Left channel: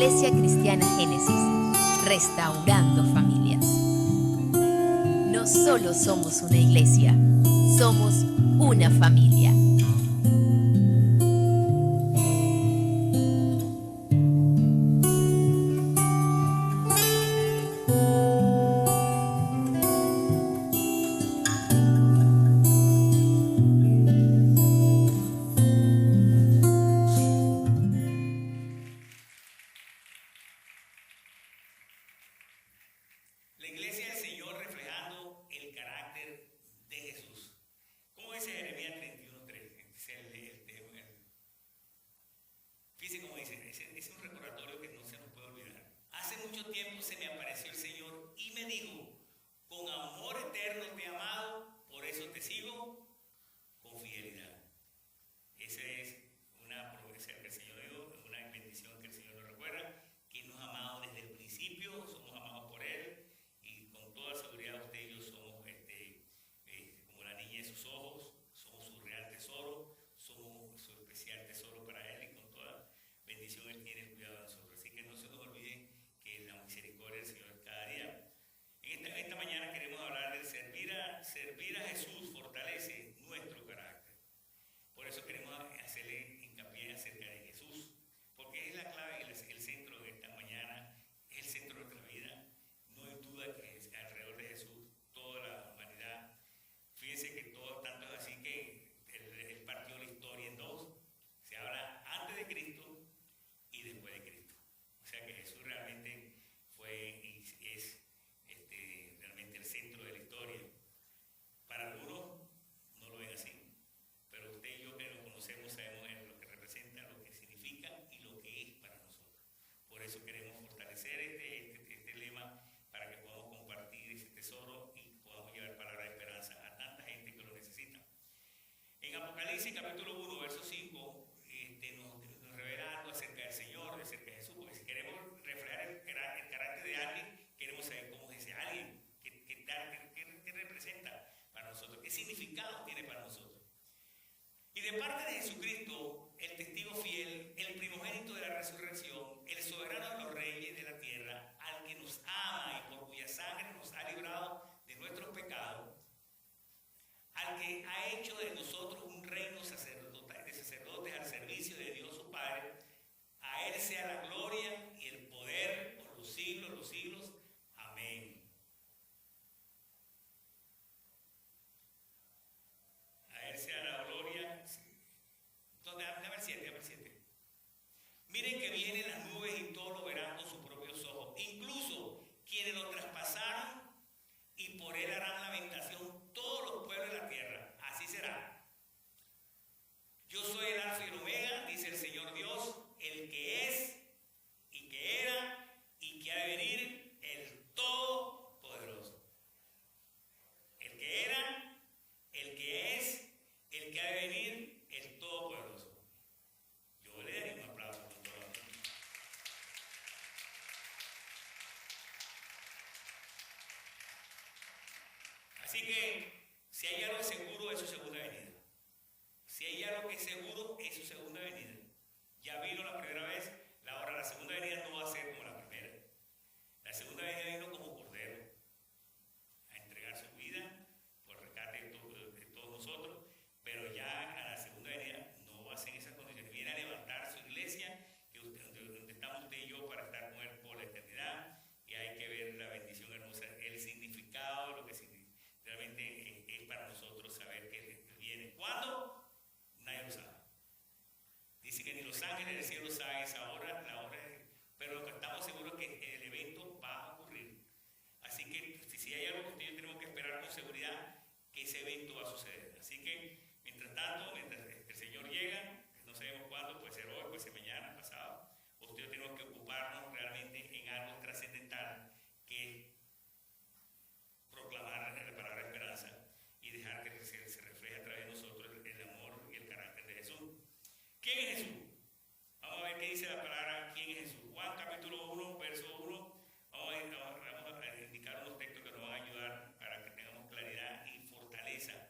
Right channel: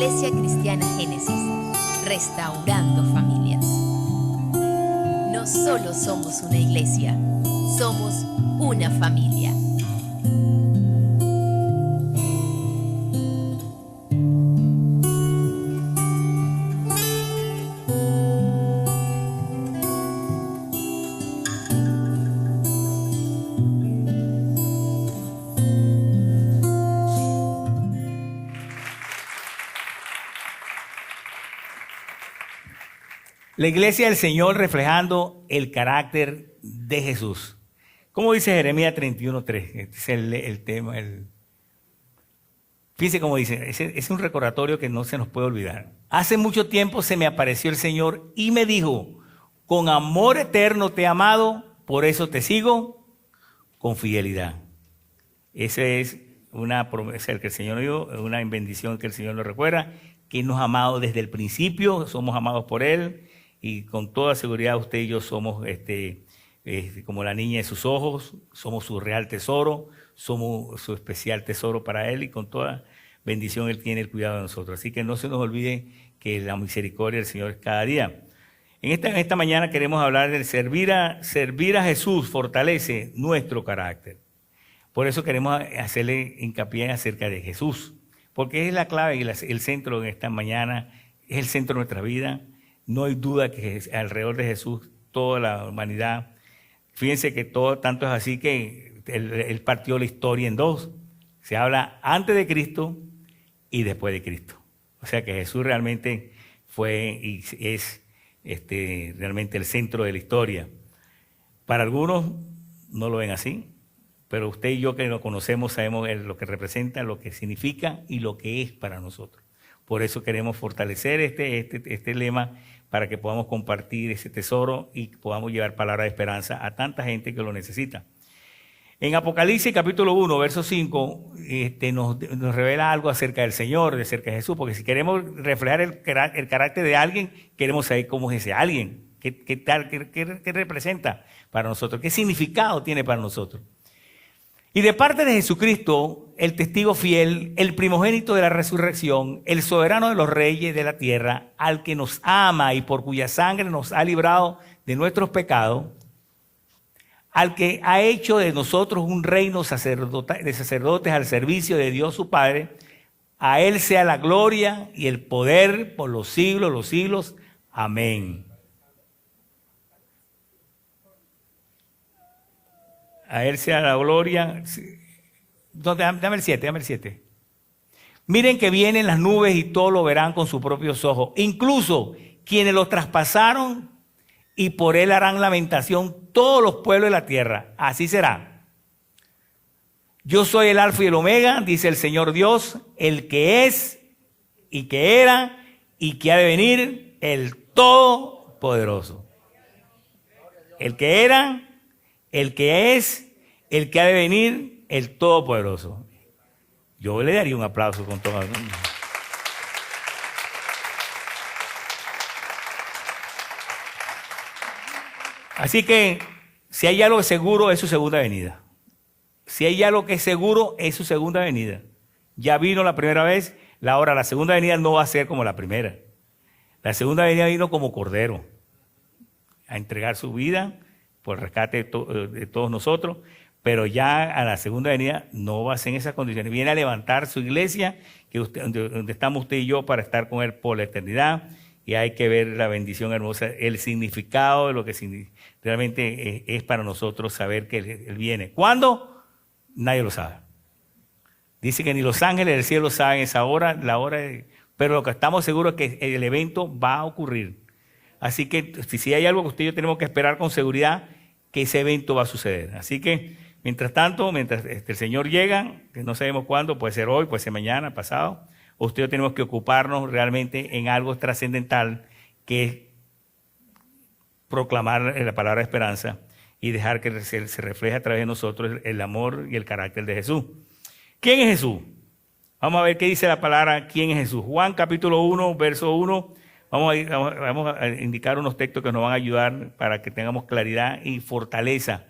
Iglesia Cristiana Génesis, restaurando familias. No solo somos una iglesia, somos una familia. La iglesia del Señor reflejando el carácter de Jesús. Como dice Jeremías 31:3, este es el tema. Fíjense cómo dice, es un recordatorio que no se nos puede olvidar. Hace mucho tiempo se me apareció el Señor y me dijo, con amor eterno te he amado, por eso te sigo con fidelidad. Esa es una promesa que el Señor dio, una bendición que el Señor nos recuerda, que nos ha amado desde el principio, somos amados por Él. Y con toda seguridad usted y yo somos como la niña de sus ojos, somos su real tesoro, somos su especial tesoro para Él y con toda bendición Él tiene el cuidado de nosotros. Así que no se nos olvide que la misericordia del Señor es cada día. En esta mañana queremos hablar del servir a Jesús fortalece nuestro carácter. Por eso queremos hacerle hincapié acerca de Jesús, porque es la clave y el centro de esta mañana, es el centro de nuestra vida. No hay duda que alrededor de Jesús toda la humanidad, fíjense que tanto es así que él partió la historia en dos. Se habla antes de Cristo y después de Cristo. O sea que Jesús realmente fue y es realmente el centro de la historia. Para algunos no lo ven así, pero usted y yo que lo conocemos sabemos lo que representa, lo que significa y lo que es para nosotros. Por eso queremos fortalecer este lema, para que podamos compartir ese tesoro y podamos llevar palabra de esperanza a tanta gente que lo necesita. En Apocalipsis capítulo 1, verso 5, nos revela algo acerca del Señor, acerca de Jesús, porque si queremos reflejar el carácter de alguien, queremos saber cómo es ese alguien, qué representa para nosotros, qué significado tiene para nosotros. Y de parte de Jesucristo, el testigo fiel, el primogénito de la resurrección, el soberano de los reyes de la tierra, al que nos ama y por cuya sangre nos ha librado de nuestros pecados, al que ha hecho de nosotros un reino de sacerdotes al servicio de Dios su Padre, a Él sea la gloria y el poder por los siglos. Amén. A Él sea la gloria. Dame el 7. Miren que vienen las nubes y todos lo verán con sus propios ojos. Incluso quienes los traspasaron y por Él harán lamentación todos los pueblos de la tierra. Así será. Yo soy el Alfa y el Omega, dice el Señor Dios, el que es y que era y que ha de venir, el Todopoderoso. El que era, el que es, el que ha de venir, el Todopoderoso. Yo le daría un aplauso con todo. Así que, si hay algo seguro, es su segunda venida. Si hay algo que es seguro, es su segunda venida. Ya vino la primera vez, la segunda venida no va a ser como la primera. La segunda venida vino como Cordero, a entregar su vida por el rescate de todos nosotros, pero ya a la segunda venida no va a ser en esas condiciones. Viene a levantar su iglesia, donde estamos usted y yo, para estar con Él por la eternidad, y hay que ver la bendición hermosa, el significado de lo que realmente es para nosotros saber que Él viene. ¿Cuándo? Nadie lo sabe. Dice que ni los ángeles del cielo saben esa hora, pero lo que estamos seguros es que el evento va a ocurrir. Así que si hay algo que usted y yo tenemos que esperar con seguridad, que ese evento va a suceder. Así que, mientras tanto, mientras el Señor llega, que no sabemos cuándo, puede ser hoy, puede ser mañana, pasado, usted y yo tenemos que ocuparnos realmente en algo trascendental, que es proclamar la palabra de esperanza y dejar que se refleje a través de nosotros el amor y el carácter de Jesús. ¿Quién es Jesús? Vamos a ver qué dice la palabra, ¿quién es Jesús? Juan capítulo 1, verso 1. Vamos a indicar unos textos que nos van a ayudar para que tengamos claridad y fortaleza.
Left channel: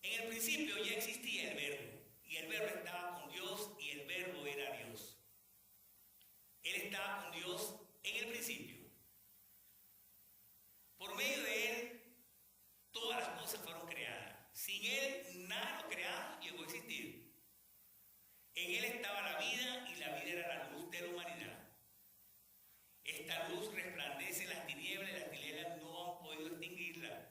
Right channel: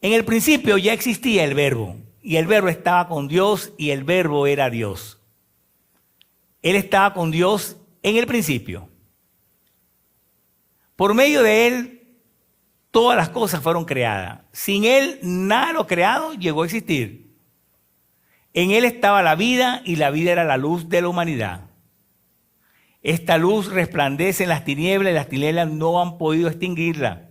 En el principio ya existía el Verbo, y el Verbo estaba con Dios, y el Verbo era Dios. Él estaba con Dios en el principio. Por medio de Él, todas las cosas fueron creadas. Sin Él, nada de lo creado llegó a existir. En Él estaba la vida y la vida era la luz de la humanidad. Esta luz resplandece en las tinieblas y las tinieblas no han podido extinguirla.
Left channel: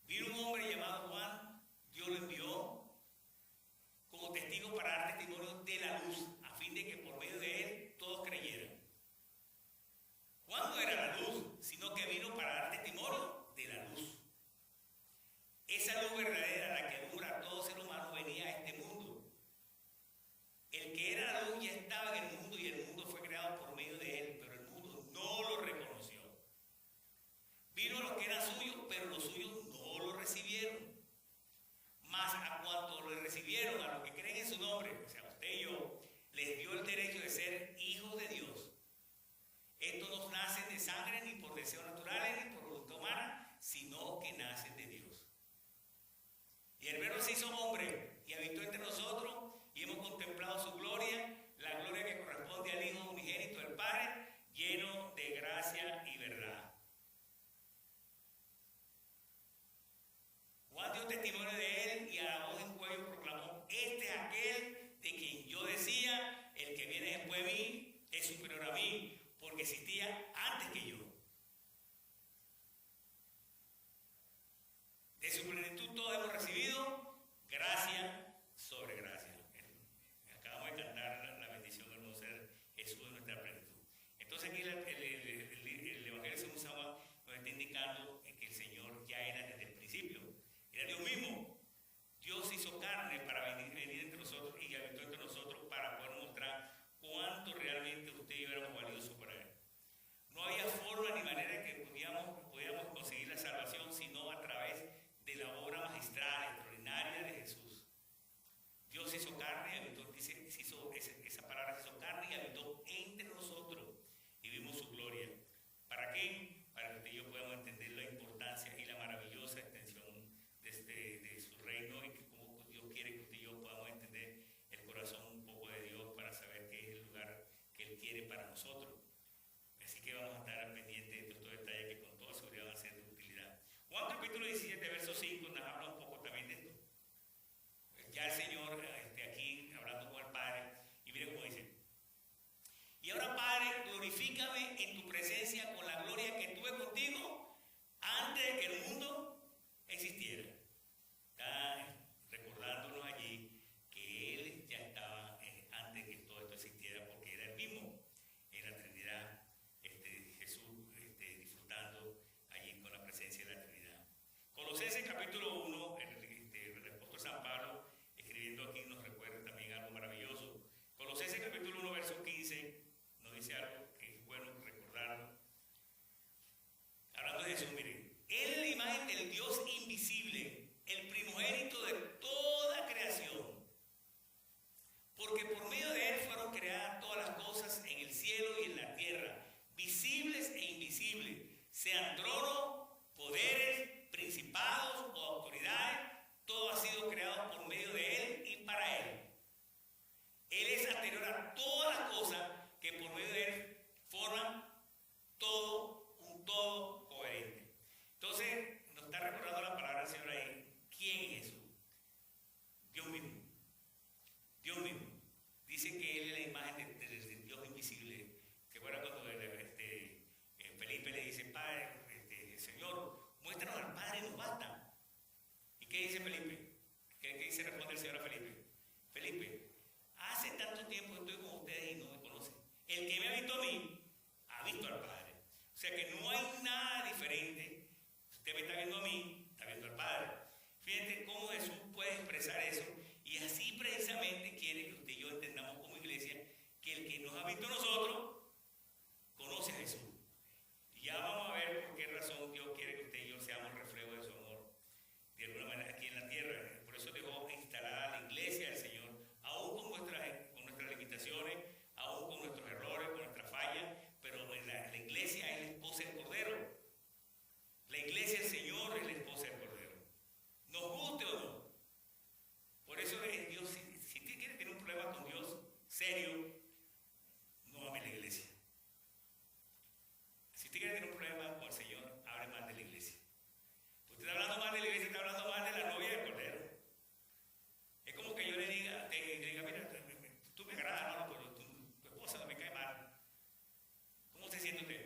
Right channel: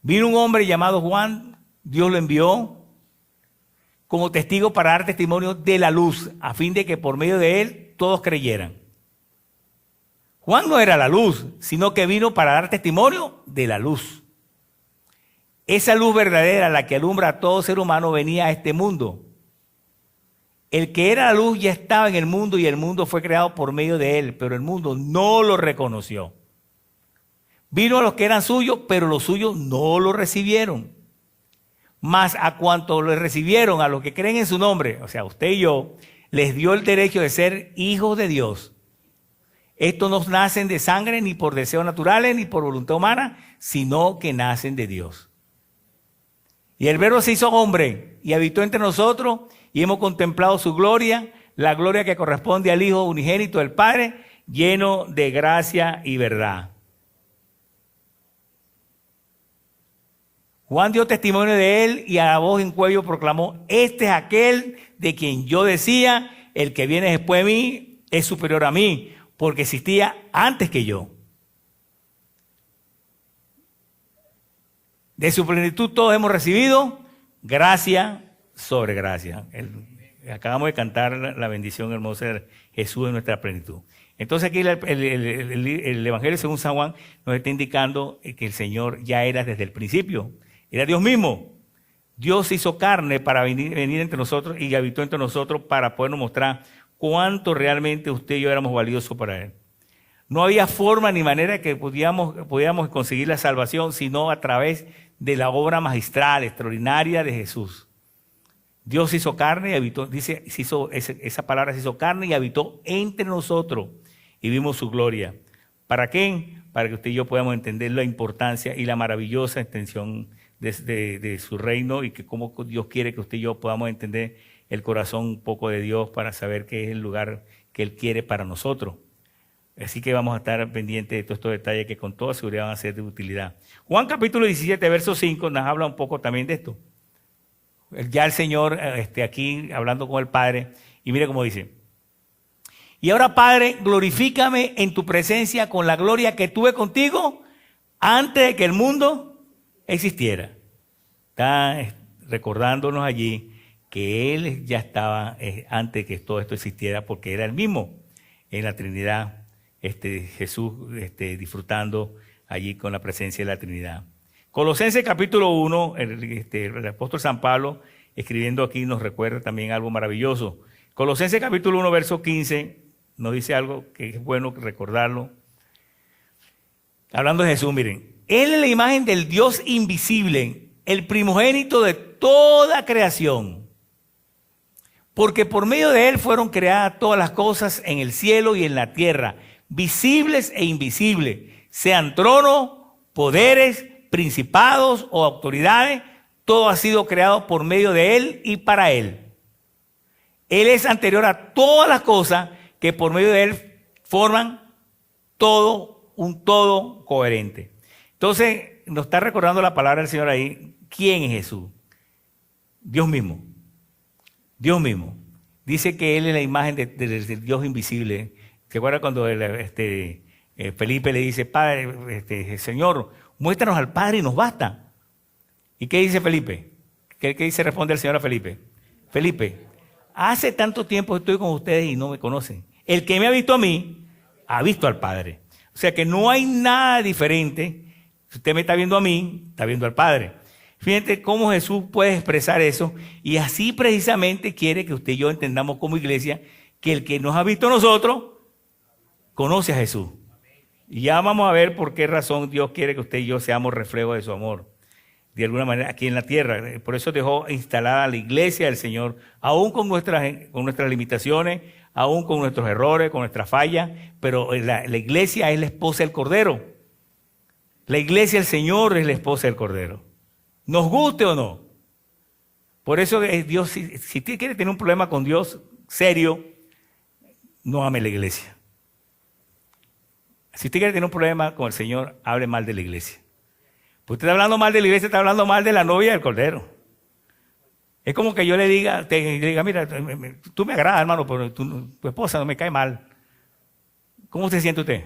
Vino un hombre llamado Juan, Dios lo envió como testigo para dar testimonio de la luz, a fin de que por medio de él todos creyeran. Juan no era la luz, sino que vino para dar testimonio de la luz. Esa luz verdadera, la que alumbra a todo ser humano, venía a este mundo. El que era la luz ya estaba en el mundo y el mundo fue creado por medio de él, pero el mundo no lo reconoció. Vino a los que eran suyos, pero los suyos no lo recibieron. Mas a cuanto lo recibieron, a los que creen en su nombre, o sea, usted y yo, les dio el derecho de ser hijos de Dios. Estos no nacen de sangre, ni por deseos naturales, ni por voluntad humana, sino que nacen de Dios. Y el Verbo se hizo hombre y habitó entre nosotros, y hemos contemplado su gloria, la gloria que corresponde al Hijo unigénito del Padre, lleno de gracia y verdad. Juan dio testimonio de él y a la voz en cuello proclamó: este es aquel de quien yo decía, el que viene después de mí es superior a mí, porque existía antes que yo. De su plenitud todos hemos recibido gracia sobre gracia. Acabamos de cantar la bendición hermosa de Jesús en nuestra plenitud. Entonces aquí el Evangelio según San Juan nos está indicando que el Señor ya era desde el principio. Era Dios mismo. Dios se hizo carne para venir entre nosotros y habitó entre nosotros para podernos mostrar cuánto realmente usted y yo éramos valiosos para Él. No había forma ni manera que pudiéramos conseguir la salvación sino a través de la obra magistral, extraordinaria de Jesús. Dios se hizo carne y habitó, dice, esa palabra se hizo carne y habitó entre nosotros y vimos su gloria. ¿Para qué? Para que usted y yo podamos entender la importancia y la maravillosa extensión de su reino y que cómo Dios quiere que usted y yo podamos entender el corazón un poco de Dios para saber qué es el lugar que Él quiere para nosotros. Así que vamos a estar pendientes de todos estos detalles que con toda seguridad van a ser de utilidad. Juan capítulo 17, verso 5 nos habla un poco también de esto. Ya el Señor aquí hablando con el Padre, y mire cómo dice: y ahora, Padre, glorifícame en tu presencia con la gloria que tuve contigo antes de que el mundo existiera. Está recordándonos allí que Él ya estaba antes de que todo esto existiera, porque era el mismo en la Trinidad, Jesús disfrutando allí con la presencia de la Trinidad. Colosenses capítulo 1, el apóstol San Pablo escribiendo aquí nos recuerda también algo maravilloso. Colosenses capítulo 1, verso 15, nos dice algo que es bueno recordarlo. Hablando de Jesús, miren, Él es la imagen del Dios invisible, el primogénito de toda creación. Porque por medio de Él fueron creadas todas las cosas en el cielo y en la tierra, visibles e invisibles, sean tronos, poderes, principados o autoridades, todo ha sido creado por medio de Él y para Él. Él es anterior a todas las cosas que por medio de Él forman todo, un todo coherente. Entonces, nos está recordando la palabra del Señor ahí. ¿Quién es Jesús? Dios mismo. Dios mismo. Dice que Él es la imagen del Dios invisible. ¿Se acuerda cuando Felipe le dice: Padre, Señor, muéstranos al Padre y nos basta? ¿Y qué dice Felipe? ¿Qué dice? Responde el Señor a Felipe: Felipe, hace tanto tiempo que estoy con ustedes y no me conocen. El que me ha visto a mí, ha visto al Padre. O sea que no hay nada diferente. Si usted me está viendo a mí, está viendo al Padre. Fíjate cómo Jesús puede expresar eso, y así precisamente quiere que usted y yo entendamos como iglesia que el que nos ha visto a nosotros conoce a Jesús. Y ya vamos a ver por qué razón Dios quiere que usted y yo seamos reflejo de su amor, de alguna manera aquí en la tierra. Por eso dejó instalada la iglesia del Señor, aún con nuestras limitaciones, aún con nuestros errores, con nuestras fallas, pero la iglesia es la esposa del Cordero. La iglesia del Señor es la esposa del Cordero. Nos guste o no. Por eso Dios, si usted quiere tener un problema con Dios serio, no ame la iglesia. Si usted quiere tener un problema con el Señor, hable mal de la iglesia. Pues usted está hablando mal de la iglesia, está hablando mal de la novia del Cordero. Es como que yo le diga, mira, tú me agradas, hermano, pero tu esposa no me cae mal. ¿Cómo se siente usted?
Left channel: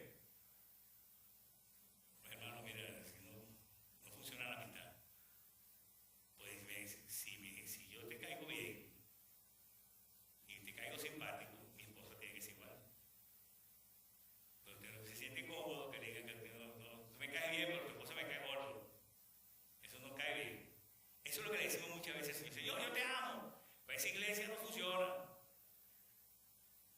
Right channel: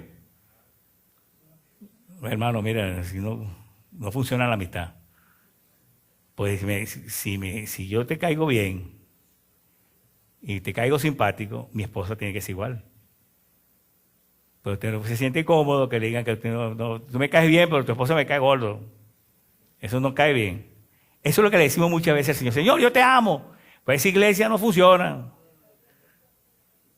Hermano, mira, si no funciona la amistad. Pues si yo te caigo bien y te caigo simpático, mi esposa tiene que ser igual. Pero usted no se siente cómodo que le digan que tú me caes bien, pero tu esposa me cae gordo. Eso no cae bien. Eso es lo que le decimos muchas veces al Señor. Señor, yo te amo. Pues esa iglesia no funciona.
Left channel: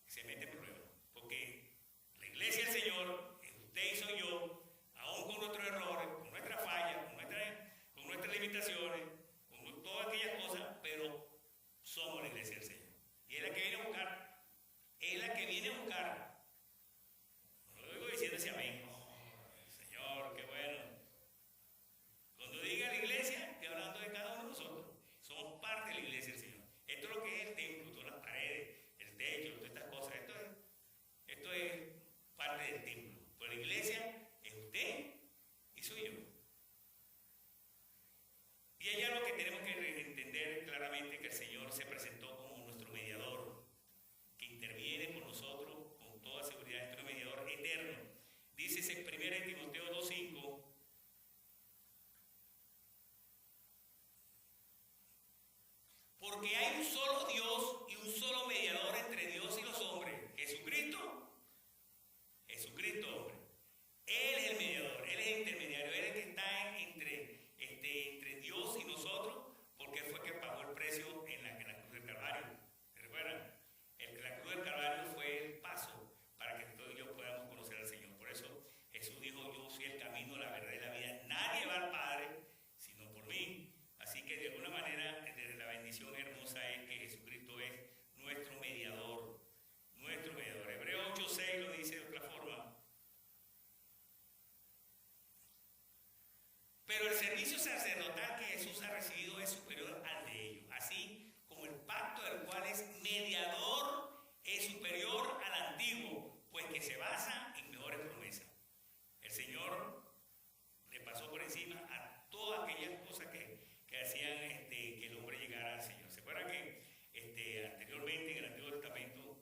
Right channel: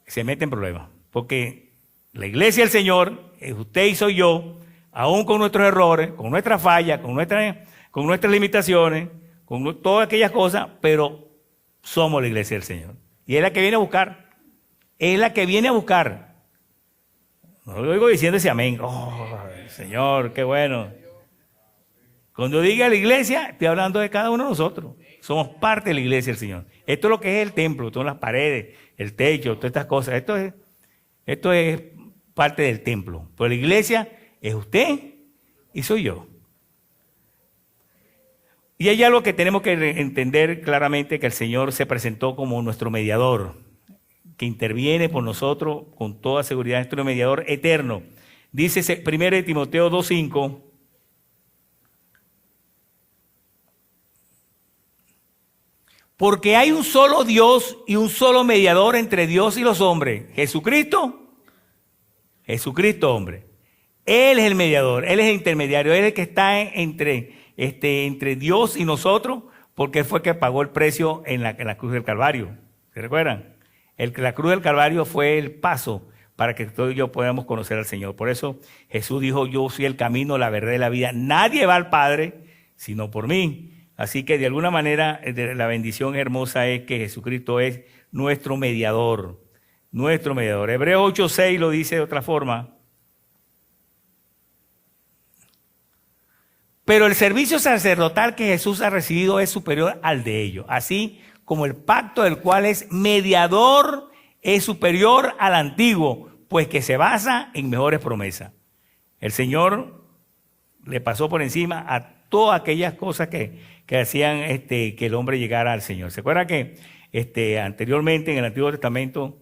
Se mete en problemas. Porque la iglesia del Señor, es usted y soy yo, aún con nuestros errores, con nuestras fallas, con nuestras limitaciones, con todas aquellas cosas, pero somos la iglesia del Señor. Y es la que viene a buscar. Es la que viene a buscar. No lo digo diciendo ese amén. Oh, Señor, qué bueno. Cuando diga la iglesia, estoy hablando de cada uno de nosotros. Somos parte de la iglesia del Señor. Esto es lo que es el templo, todas las paredes, el techo, todas estas cosas. Esto es parte del templo. Pero la iglesia es usted y soy yo. Y hay algo que tenemos que entender claramente, que el Señor se presentó como nuestro mediador, que interviene por nosotros con toda seguridad, nuestro mediador eterno. Dice 1 Timoteo 2:5. Porque hay un solo Dios y un solo mediador entre Dios y los hombres. Jesucristo, hombre. Él es el mediador, Él es el intermediario, Él es el que está entre Dios y nosotros, porque Él fue el que pagó el precio en la cruz del Calvario. ¿Se recuerdan? La cruz del Calvario fue el paso para que todos y yo podamos conocer al Señor. Por eso Jesús dijo, yo soy el camino, la verdad y la vida. Nadie va al Padre sino por mí. Así que de alguna manera la bendición hermosa es que Jesucristo es nuestro mediador. Nuestro mediador. Hebreos 8:6 lo dice de otra forma. Pero el servicio sacerdotal que Jesús ha recibido es superior al de ellos. Así como el pacto del cual es mediador es superior al antiguo, pues que se basa en mejores promesas. El Señor le pasó por encima a todas aquellas cosas que hacían que el hombre llegara al Señor. ¿Se acuerdan que anteriormente en el Antiguo Testamento,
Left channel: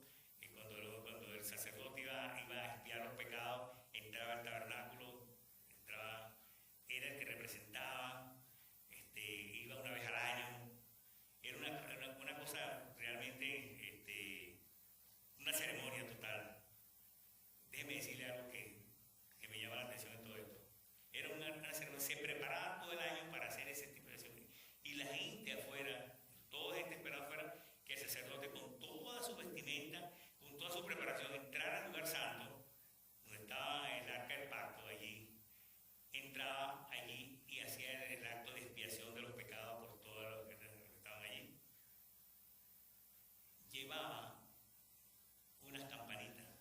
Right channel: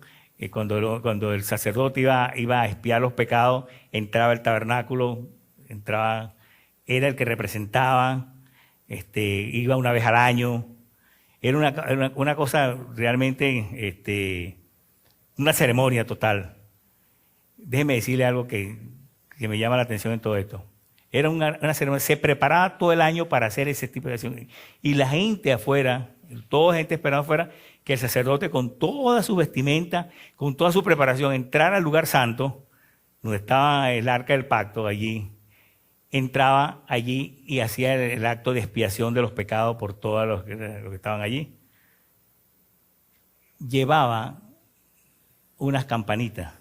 cuando el sacerdote iba a expiar los pecados, entraba al tabernáculo, era el que representaba, iba una vez al año? Era una cosa realmente, una ceremonia total. Déjeme decirle algo que me llama la atención en todo esto. Era una ceremonia, se preparaba todo el año para hacer ese tipo de acción. Y la gente afuera, toda la gente esperando afuera, que el sacerdote con toda su vestimenta, con toda su preparación, entrara al lugar santo, donde estaba el arca del pacto allí, entraba allí y hacía el acto de expiación de los pecados por todos los que estaban allí. Llevaba unas campanitas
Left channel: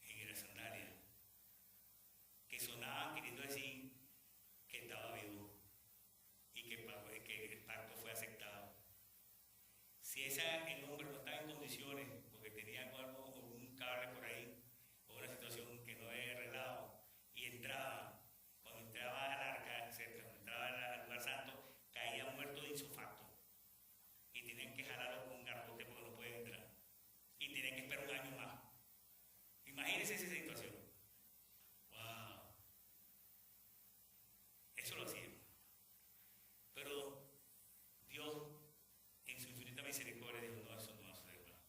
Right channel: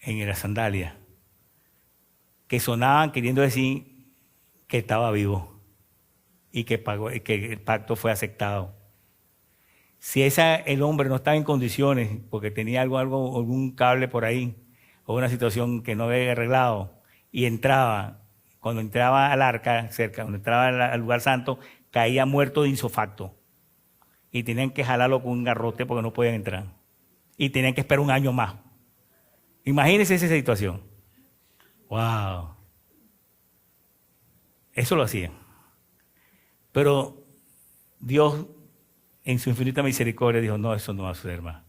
en la sandalia que sonaban queriendo decir que estaba vivo y que el pacto fue aceptado. Si el hombre no estaba en condiciones porque tenía algún cable por ahí o una situación que no había arreglado y cuando entraba al arca cerca, cuando entraba al lugar santo, caía muerto de insofacto y tenían que jalarlo con un garrote porque no podían entrar y tenían que esperar un año más. Imagínense esa situación. ¡Wow! Eso lo hacían. Pero Dios, en su infinita misericordia, dijo, no, eso no va a suceder más.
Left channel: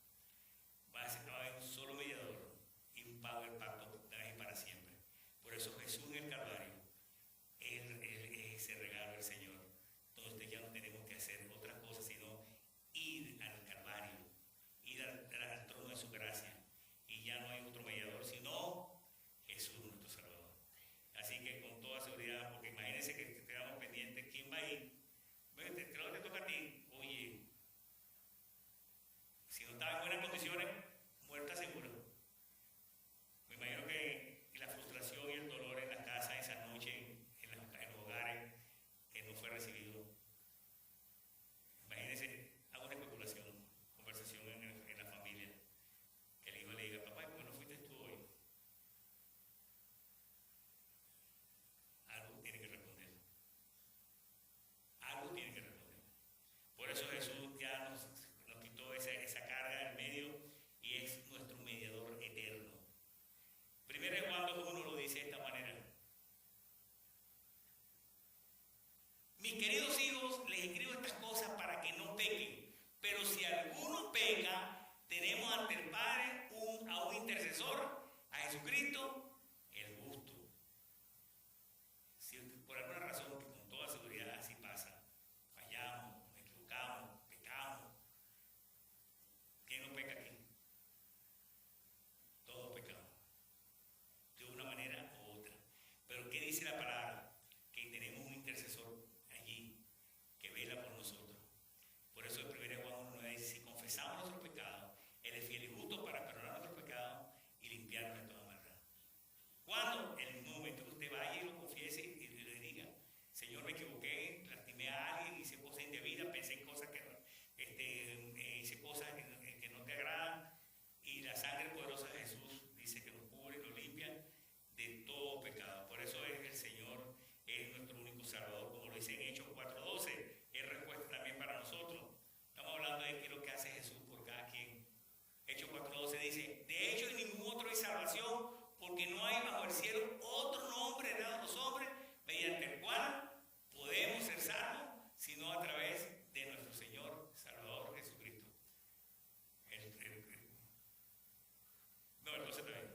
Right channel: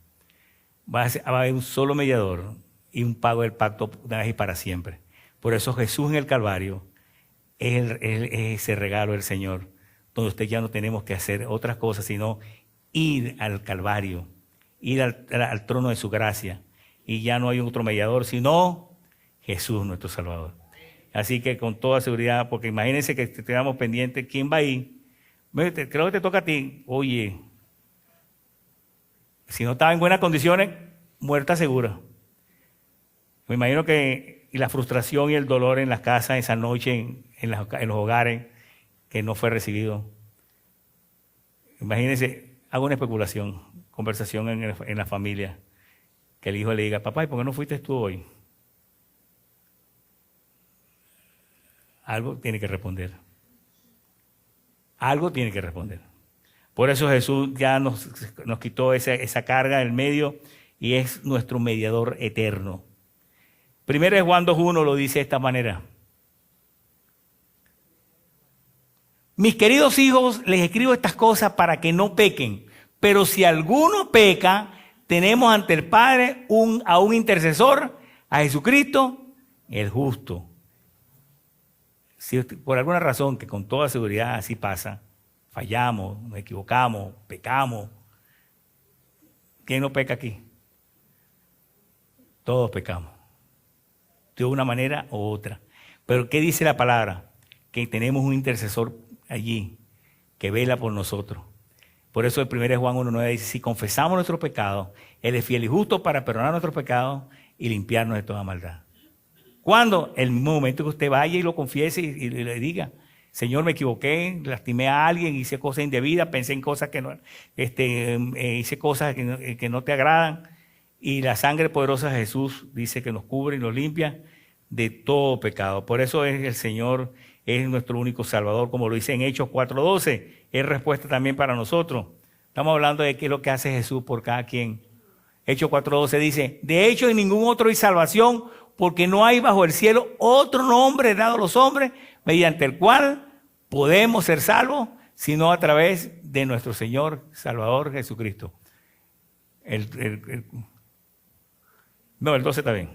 Va a haber un solo mediador y un pago del pacto una vez y para siempre. Por eso Jesús en el Calvario es ese regalo del Señor, donde usted ya no tenemos que hacer otras cosas, sino ir al Calvario, ir al trono de su gracia. Y ya no hay otro mediador, sino Jesús, nuestro Salvador. Así que con toda seguridad, porque imagínense que estemos pendientes, ¿quién va a ir? Creo que te toca a ti. Oye, si no estaba en buenas condiciones, muerta segura. Me imagino que la frustración y el dolor en las casas esa noche, en los hogares, que no fue recibido. Imagínense, hago una especulación, conversación en la familia, que el hijo le diga, papá, ¿y por qué no fuiste tú hoy? Algo tiene que responder. Algo tiene que responder. Por eso Jesús ya nos quitó esa carga del medio y es nuestro mediador eterno. Primero Juan 2:1 lo dice de esta manera. Mis queridos hijos, les escribo estas cosas para que no pequen. Pero si alguno peca, tenemos ante el Padre a un intercesor, a Jesucristo, el justo. Si por alguna razón, que con toda seguridad así pasa, fallamos, nos equivocamos, pecamos. ¿Quién no peca aquí? Todos pecamos, de una manera u otra. Pero ¿qué dice la palabra? Que tenemos un intercesor allí que vela por nosotros. Por eso el 1 Juan 1:9 dice, si confesamos nuestros pecados, Él es fiel y justo para perdonar nuestros pecados y limpiarnos de toda maldad. ¿Cuándo? El mismo momento que usted vaya y lo confiese y le diga, Señor, me equivoqué, lastimé a alguien, hice cosas indebidas, pensé en cosas que no, hice cosas que no te agradan. Y la sangre poderosa de Jesús dice que nos cubre y nos limpia de todo pecado. Por eso es el Señor, es nuestro único Salvador, como lo dice en Hechos 4:12. Es respuesta también para nosotros. Estamos hablando de qué es lo que hace Jesús por cada quien. Hechos 4:12 dice, de hecho en ningún otro hay salvación, porque no hay bajo el cielo otro nombre dado a los hombres mediante el cual podemos ser salvos, sino a través de nuestro Señor Salvador Jesucristo. No, el 12 está bien.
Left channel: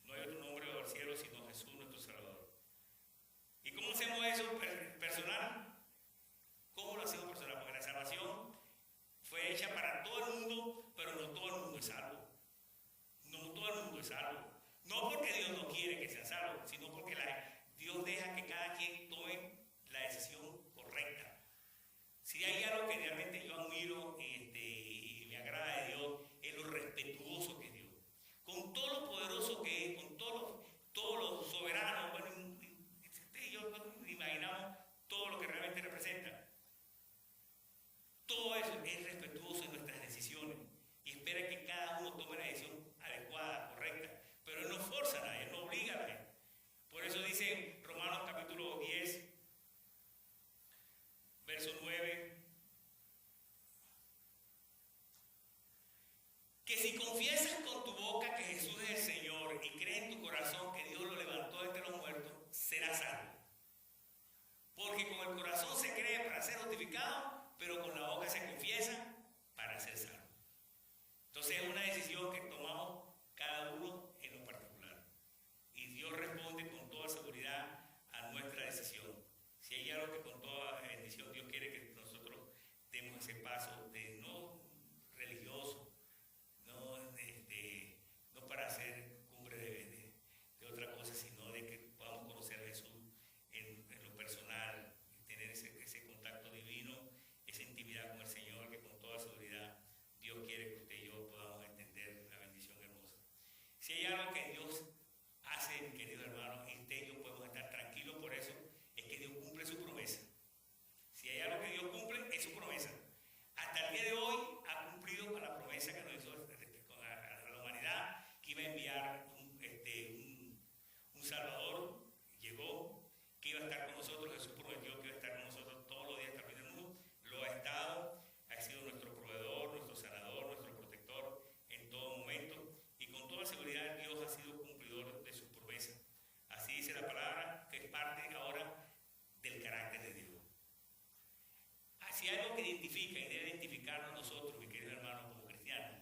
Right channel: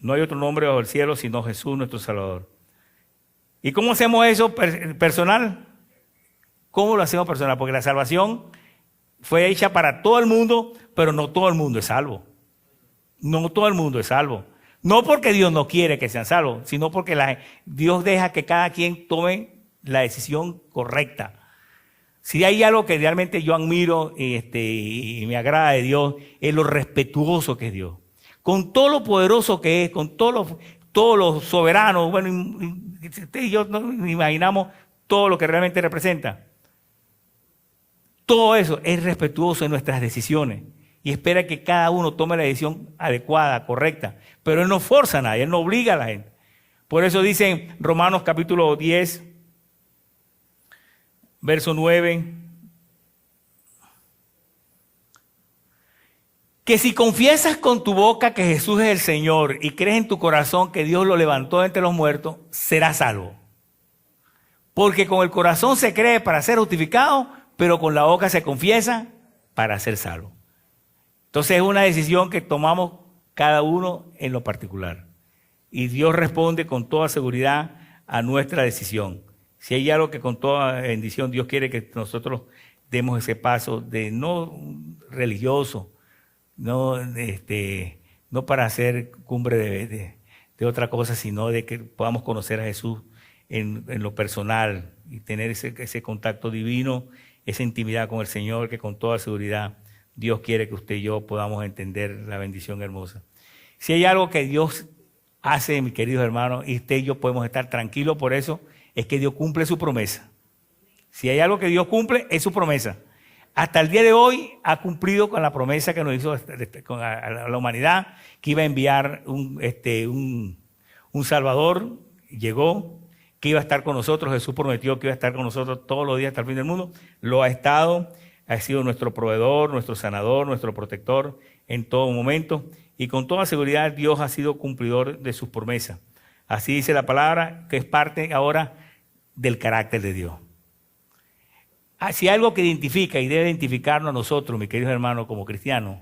No hay otro nombre bajo el cielo sino Jesús nuestro Salvador. ¿Y cómo hacemos eso personal? ¿Cómo lo hacemos personal? Porque la salvación fue hecha para todo el mundo, pero no todo el mundo es salvo. No todo el mundo es salvo. No porque Dios no quiere que sean salvos, sino porque Dios deja que cada quien tome la decisión correcta. Si hay algo que realmente yo admiro y me agrada de Dios, es lo respetuoso que es Dios. Con todo lo poderoso que es, con todos los soberanos, bueno, usted y yo no imaginamos todo lo que realmente representa. Todo eso es respetuoso en nuestras decisiones y espera que cada uno tome la decisión adecuada, correcta. Pero Él no forza a nadie, Él no obliga a la gente. Por eso dice en Romanos capítulo 10, verso 9, que si confiesas con tu boca que Jesús es el Señor y crees en tu corazón que Dios lo levantó de entre los muertos, serás salvo. Porque con el corazón se cree para ser justificado, pero con la boca se confiesa para ser salvo. Entonces es una decisión que tomamos cada uno en lo particular. Y Dios responde con toda seguridad a nuestra decisión. Si hay algo que con toda bendición Dios quiere que nosotros demos ese paso de no religioso, no para hacer cumbre de otra cosa, sino de que podamos conocer a Jesús en lo personal y tener ese contacto divino, esa intimidad con el Señor, que con toda seguridad Dios quiere que usted y yo podamos entender la bendición hermosa. Si hay algo que Dios hace, mis queridos hermanos, y usted y yo podemos estar tranquilos por eso, es que Dios cumple su promesa. Si hay algo que Dios cumple, es su promesa. Hasta el día de hoy ha cumplido con la promesa que nos hizo a la humanidad, que iba a enviar un Salvador, llegó, que iba a estar con nosotros. Jesús prometió que iba a estar con nosotros todos los días hasta el fin del mundo. Lo ha estado, ha sido nuestro proveedor, nuestro sanador, nuestro protector en todo momento. Y con toda seguridad Dios ha sido cumplidor de sus promesas. Así dice la palabra, que es parte ahora del carácter de Dios. Si hay algo que identifica y debe identificarnos a nosotros, mis queridos hermanos, como cristianos,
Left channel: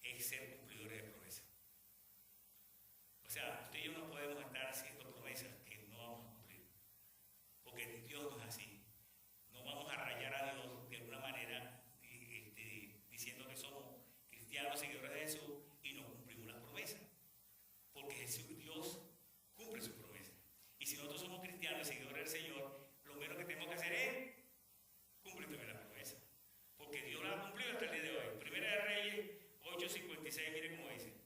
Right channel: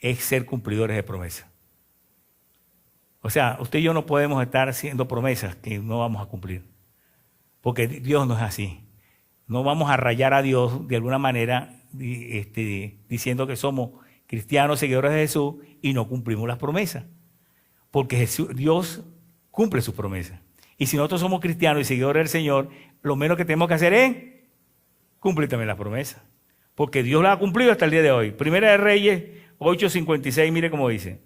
es ser cumplidores de promesas. O sea, usted y yo no podemos estar haciendo promesas que no vamos a cumplir, porque Dios no es así. No vamos a rayar a Dios de alguna manera diciendo que somos cristianos, seguidores de Jesús, y no cumplimos las promesas, porque Dios cumple sus promesas. Y si nosotros somos cristianos y seguidores del Señor, lo menos que tenemos que hacer es cumplir también las promesas, porque Dios las ha cumplido hasta el día de hoy. Primera de Reyes 8:56, mire cómo dice.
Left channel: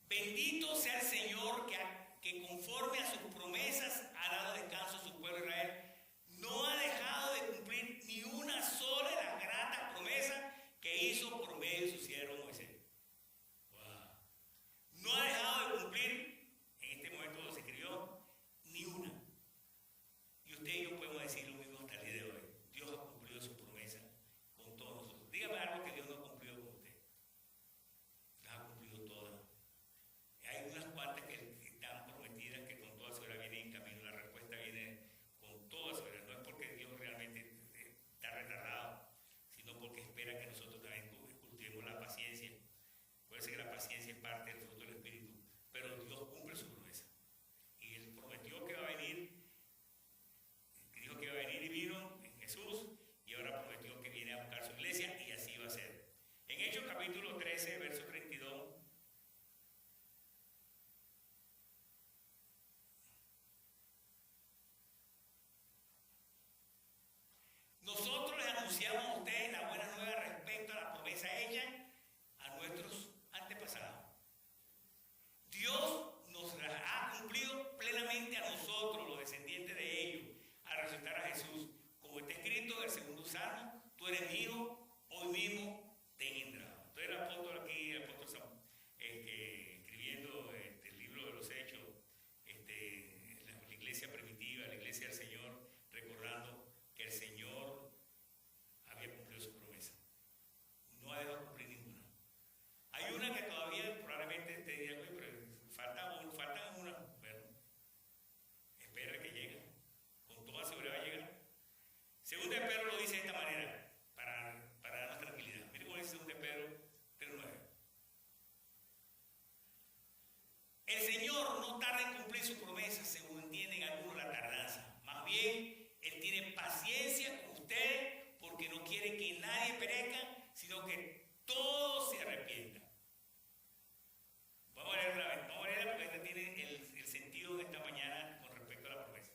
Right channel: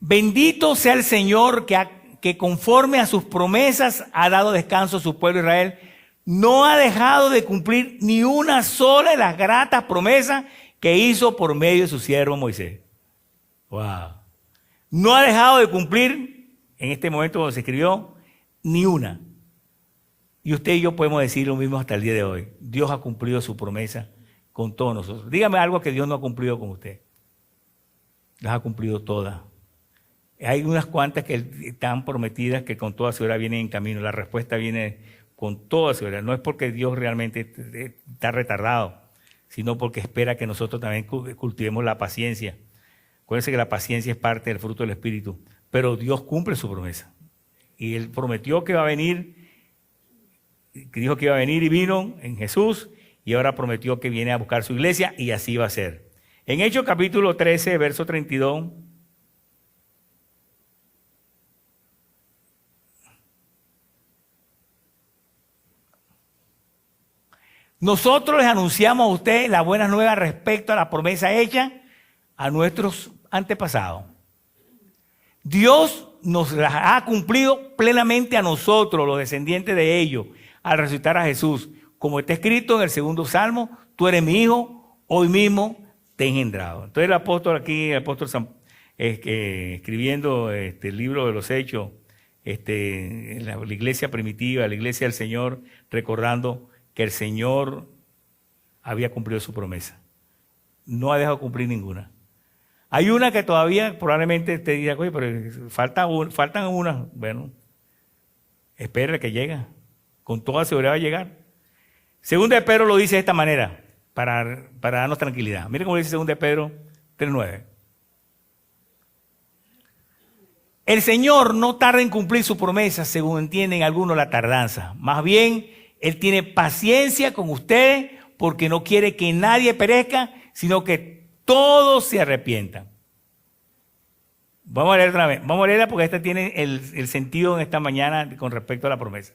Bendito sea el Señor que conforme a sus promesas ha dado descanso a su pueblo Israel. no ha dejado de cumplir ni una sola de las gratas promesas que hizo por medio de su siervo Moisés. Wow. No ha dejado de cumplir en este momento cuando se escribió ni una. Y usted y yo podemos decir lo mismo hasta el día de hoy. Dios ha cumplido su promesa con todos nosotros. Dígame algo que Dios no ha cumplido con usted. Las ha cumplido todas. Hay unas cuantas que están prometidas que con toda seguridad vienen en camino. La respuesta viene con toda seguridad. No es porque Dios realmente está retardado, sino porque espera que nosotros también cultivemos la paciencia. Acuérdense que la paciencia es parte del fruto del Espíritu. Pero Dios cumple su promesa. Y Él prometió que iba a venir, dijo que iba a venir y vino en Jesús, y ahora prometió que viene a buscar su iglesia, y así va a ser. En Hechos capítulo 13, verso 32, nosotros les anunciamos a ustedes las buenas nuevas respecto a la promesa hecha a nuestros antepasados. Dios nos las ha cumplido plenamente a nosotros, los descendientes de ellos, al resucitar a Jesús. Como está escrito en el segundo Salmo, tú eres mi hijo, hoy mismo te he engendrado. Entonces el apóstol aquí, escribiendo el libro de los Hechos, la iglesia primitiva, la iglesia del Señor, recordando que el Señor había cumplido su promesa. No ha dejado cumplir ninguna. Hay una que todavía probablemente te diga, oye, pero faltan unas. Bueno, espera que llegue. Con toda seguridad va a llegar. Segunda de Pedro lo dice de esta manera, para darnos tranquilidad. Miren cómo dice Segunda de Pedro 3:9. El Señor no tarda en cumplir su promesa, según entienden algunos la tardanza. Más bien, Él tiene paciencia con ustedes porque no quiere que nadie perezca, sino que todos se arrepientan. Vamos a leer otra vez. Vamos a leerla porque esta tiene el sentido en esta mañana con respecto a la promesa.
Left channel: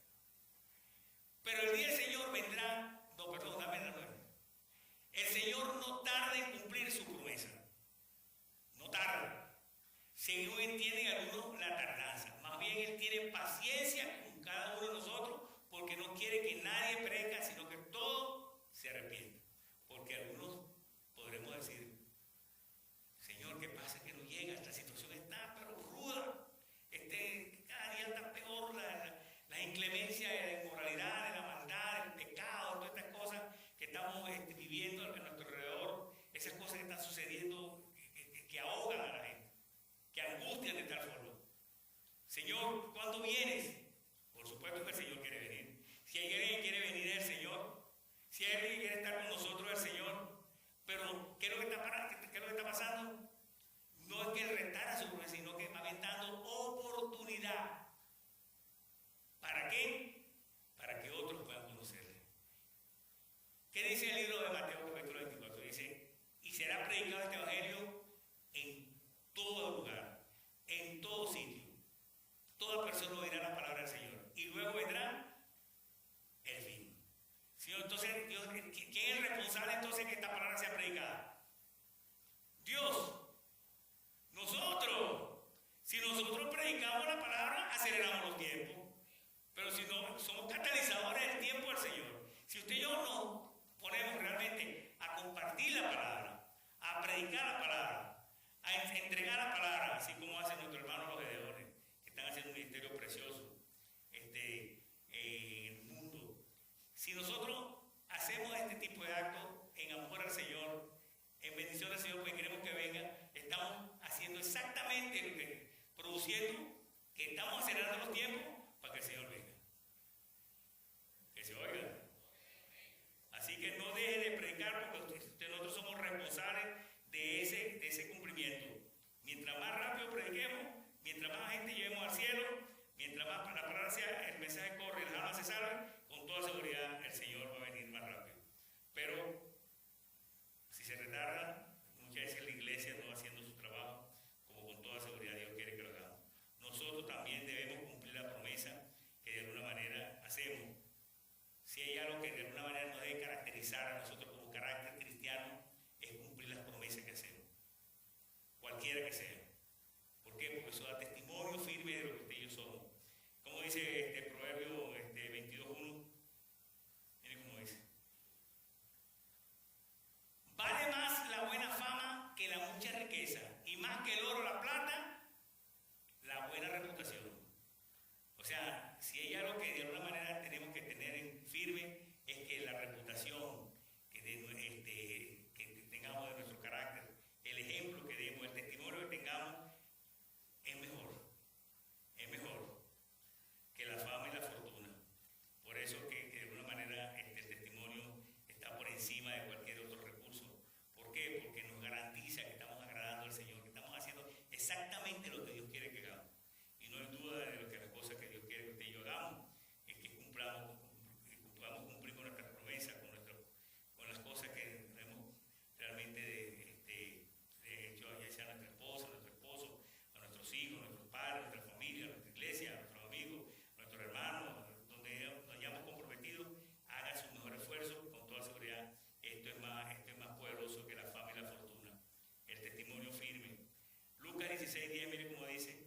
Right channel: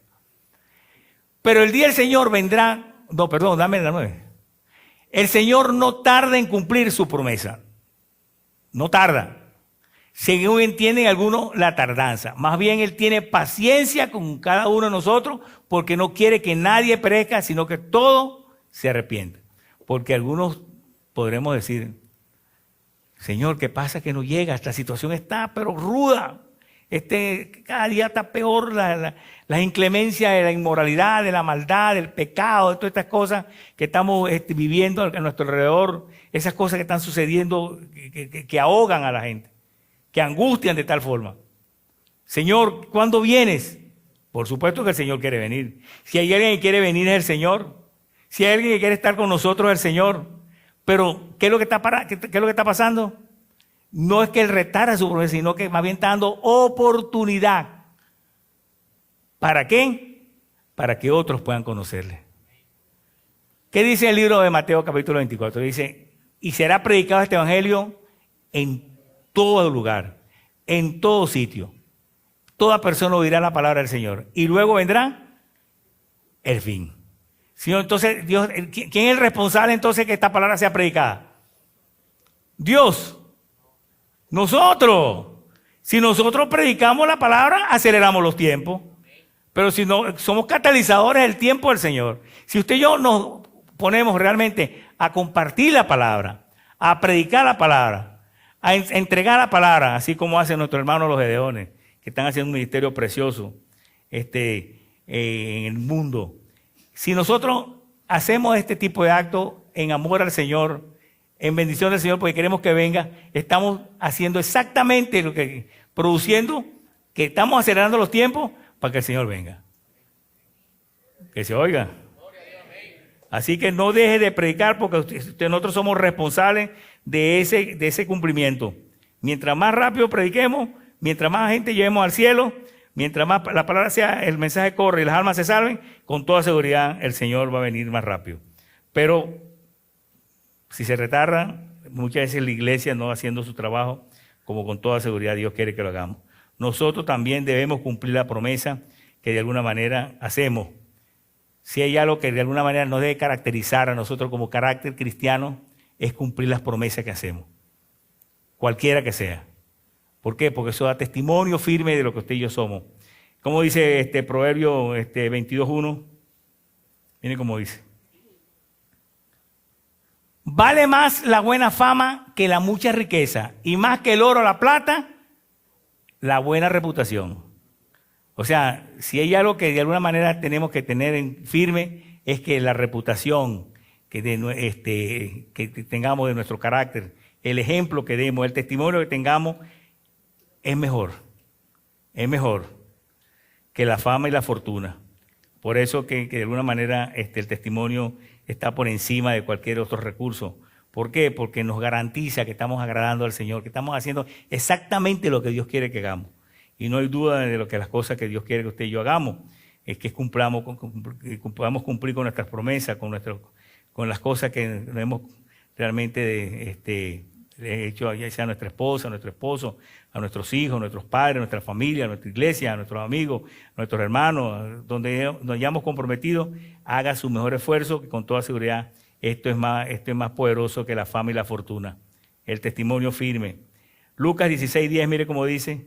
Pero el día del Señor vendrá. No, perdón, dame la 9. El Señor no tarda en cumplir su promesa. No tarda. Según entienden algunos la tardanza. Más bien Él tiene paciencia con cada uno de nosotros porque no quiere que nadie perezca, sino que todos se arrepientan. Porque algunos podremos decir, Señor, ¿qué pasa que no llega? Esta situación está pero ruda. Cada día está peor la inclemencia de la inmoralidad, de la maldad, del pecado, de todas estas cosas que estamos viviendo a nuestro alrededor, esas cosas que están sucediendo que ahogan a la gente, que angustian de tal forma. Señor, ¿cuándo vienes? Por supuesto que el Señor quiere venir. Si hay alguien que quiere venir es el Señor. Si hay alguien que quiere estar con nosotros es el Señor. Pero, ¿qué es lo que está pasando? No es que Él retarda su promesa, sino que más bien está dando oportunidad. ¿Para qué? Para que otros puedan conocerle. ¿Qué dice el libro de Mateo capítulo 24? Dice, y será predicado este evangelio en todo lugar, en todo sitio. Toda persona oirá la palabra del Señor. Y luego vendrá el fin. Señor, entonces, Dios, ¿quién es el responsable entonces que esta palabra sea predicada? Dios. Nosotros. Si nosotros predicamos la palabra, aceleramos los tiempos. Pero si no, somos catalizadores del tiempo del Señor. Si usted y yo nos ponemos realmente a compartir la palabra, a predicar la palabra, a entregar la palabra, así como hacen nuestros hermanos los gedeones, que están haciendo un ministerio precioso en el mundo. Si nosotros hacemos este tipo de actos en amor al Señor, en bendición del Señor, porque queremos que venga, estamos haciendo exactamente lo que, produciendo, que estamos acelerando los tiempos para que el Señor venga. Que se oiga. Así que no deje de predicar porque nosotros somos responsables de ese cumplimiento. Mientras más rápido prediquemos, mientras más gente llevemos al cielo, mientras más la palabra sea, el mensaje corre y las almas se salven, con toda seguridad el Señor va a venir más rápido. Pero si se retarda, muchas veces la iglesia no haciendo su trabajo, como con toda seguridad Dios quiere que lo hagamos. Nosotros también debemos cumplir la promesa que de alguna manera hacemos. Si hay algo que de alguna manera nos debe caracterizar a nosotros como carácter cristiano, es cumplir las promesas que hacemos, cualquiera que sea. ¿Por qué? Porque eso da testimonio firme de lo que usted y yo somos. Como dice Proverbio 22:1, Miren cómo dice. Vale más la buena fama que la mucha riqueza, y más que el oro o la plata, la buena reputación. O sea, si hay algo que de alguna manera tenemos que tener en firme, es que la reputación que tengamos de nuestro carácter, el ejemplo que demos, el testimonio que tengamos, es mejor que la fama y la fortuna. Por eso que de alguna manera el testimonio está por encima de cualquier otro recurso. ¿Por qué? Porque nos garantiza que estamos agradando al Señor, que estamos haciendo exactamente lo que Dios quiere que hagamos. Y no hay duda de lo que las cosas que Dios quiere que usted y yo hagamos, es que podamos cumplir con nuestras promesas, con las cosas que hemos realmente hecho, ya sea a nuestra esposa, a nuestro esposo, a nuestros hijos, a nuestros padres, a nuestra familia, a nuestra iglesia, a nuestros amigos, a nuestros hermanos, donde nos hayamos comprometido, haga su mejor esfuerzo, que con toda seguridad esto es más poderoso que la fama y la fortuna. El testimonio firme. Lucas 16:10, mire cómo dice.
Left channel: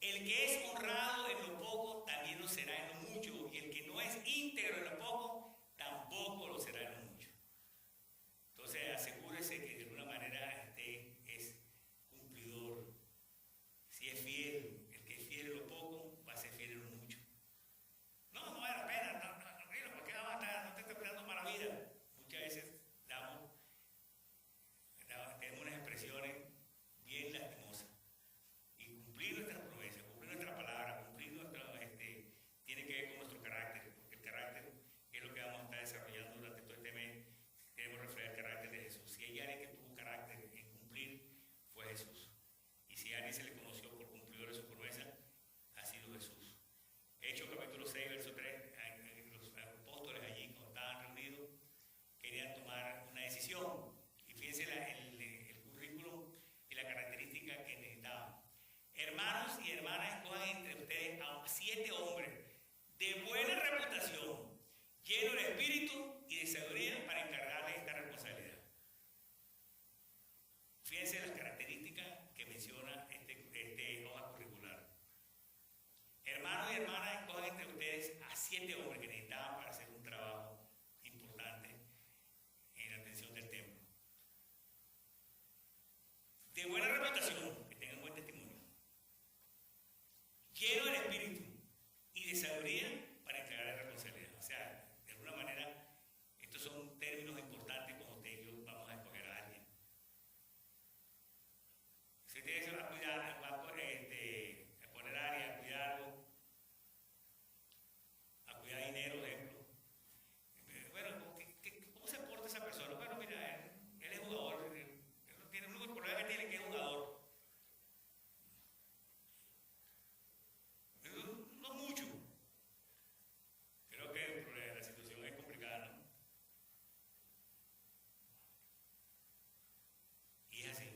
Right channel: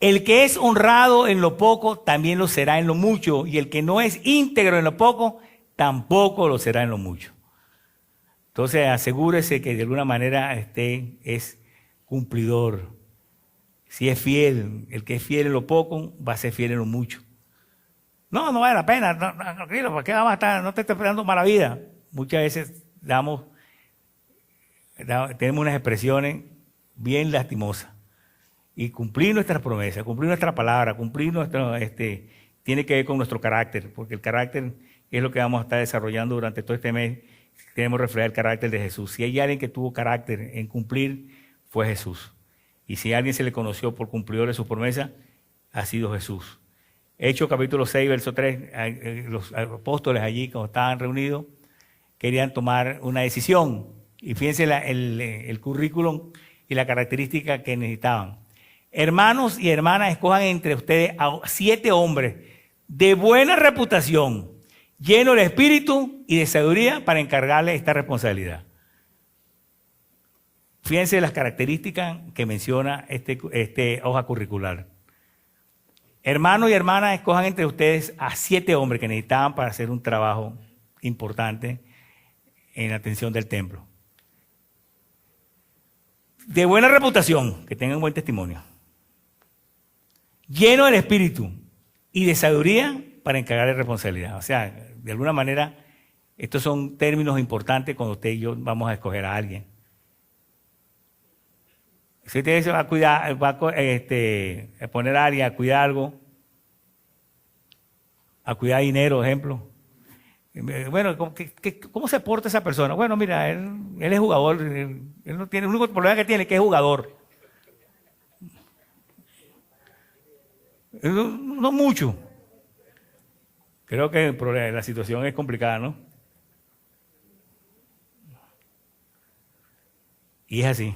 El que es honrado en lo poco, también lo será en lo mucho, y el que no es íntegro en lo poco, tampoco lo será en lo mucho. Entonces asegúrese que de alguna manera es cumplidor. Si es fiel, el que es fiel en lo poco, va a ser fiel en lo mucho. No vale la pena, tranquilo, ¿por qué vamos a estar? No te estoy esperando mala vida. Muchas veces tenemos unas expresiones bien lastimosas. Y cumplir nuestras promesas, cumplir nuestra palabra, tiene que ver con nuestro carácter, porque el carácter es lo que vamos a estar desarrollando durante todo este mes. Queremos reflejar el carácter de Jesús. Si hay alguien que tuvo carácter en cumplir, fue Jesús. Y si a alguien se le conoció por cumplidor de su promesa, ha sido Jesús. Hechos capítulo 6, verso 3, los apóstoles allí, cuando estaban reunidos, querían tomar una decisión. Y fíjense el currículum y la característica que necesitaban. Hermanos y hermanas, escojan entre ustedes a 7 hombres de buena reputación, llenos de espíritu y de sabiduría para encargarles esta responsabilidad. Fíjense las características que menciona este hoja curricular. Hermanos y hermanas, escojan entre ustedes a 7 hombres que necesitaban para hacer un trabajo importante en la atención del templo. De buena reputación, que tengan buen testimonio. Lleno del espíritu y de sabiduría para encargarle responsabilidad. O sea, de alguna manera, estos son términos importantes cuando usted y yo vamos a escoger a alguien. Si usted se va a cuidar, a poner a alguien a cuidar algo, a cuidar dinero, por ejemplo. Bueno, ¿cómo se porta esa persona? Bueno, mira, él es jugador, él no tiene, el único problema que tiene es que es jugador. No mucho. Creo que la situación es complicada, ¿no? Y es así.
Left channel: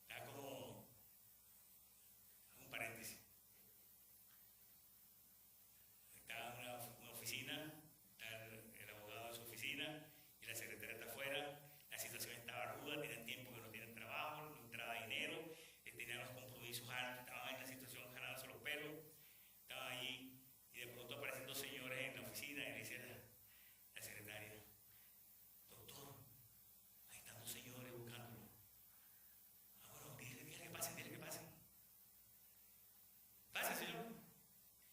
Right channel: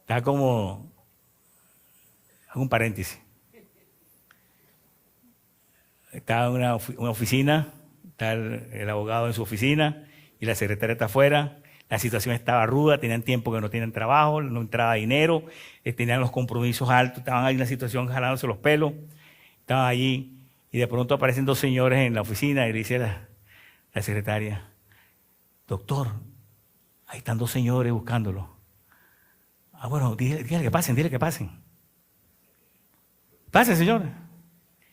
Está como, hago un paréntesis. Está en una oficina, está el abogado en su oficina y la secretaria está afuera. La situación estaba ruda, tenían tiempo que no tenían trabajo, no entraba dinero, tenían los compromisos altos, estaban ahí en una situación jalándose los pelos, estaban allí y de pronto aparecen 2 señores en la oficina y le dice la secretaria, doctor, ahí están 2 señores buscándolo. Ah, bueno, dígale que pasen, dile que pasen. Pasen, señores.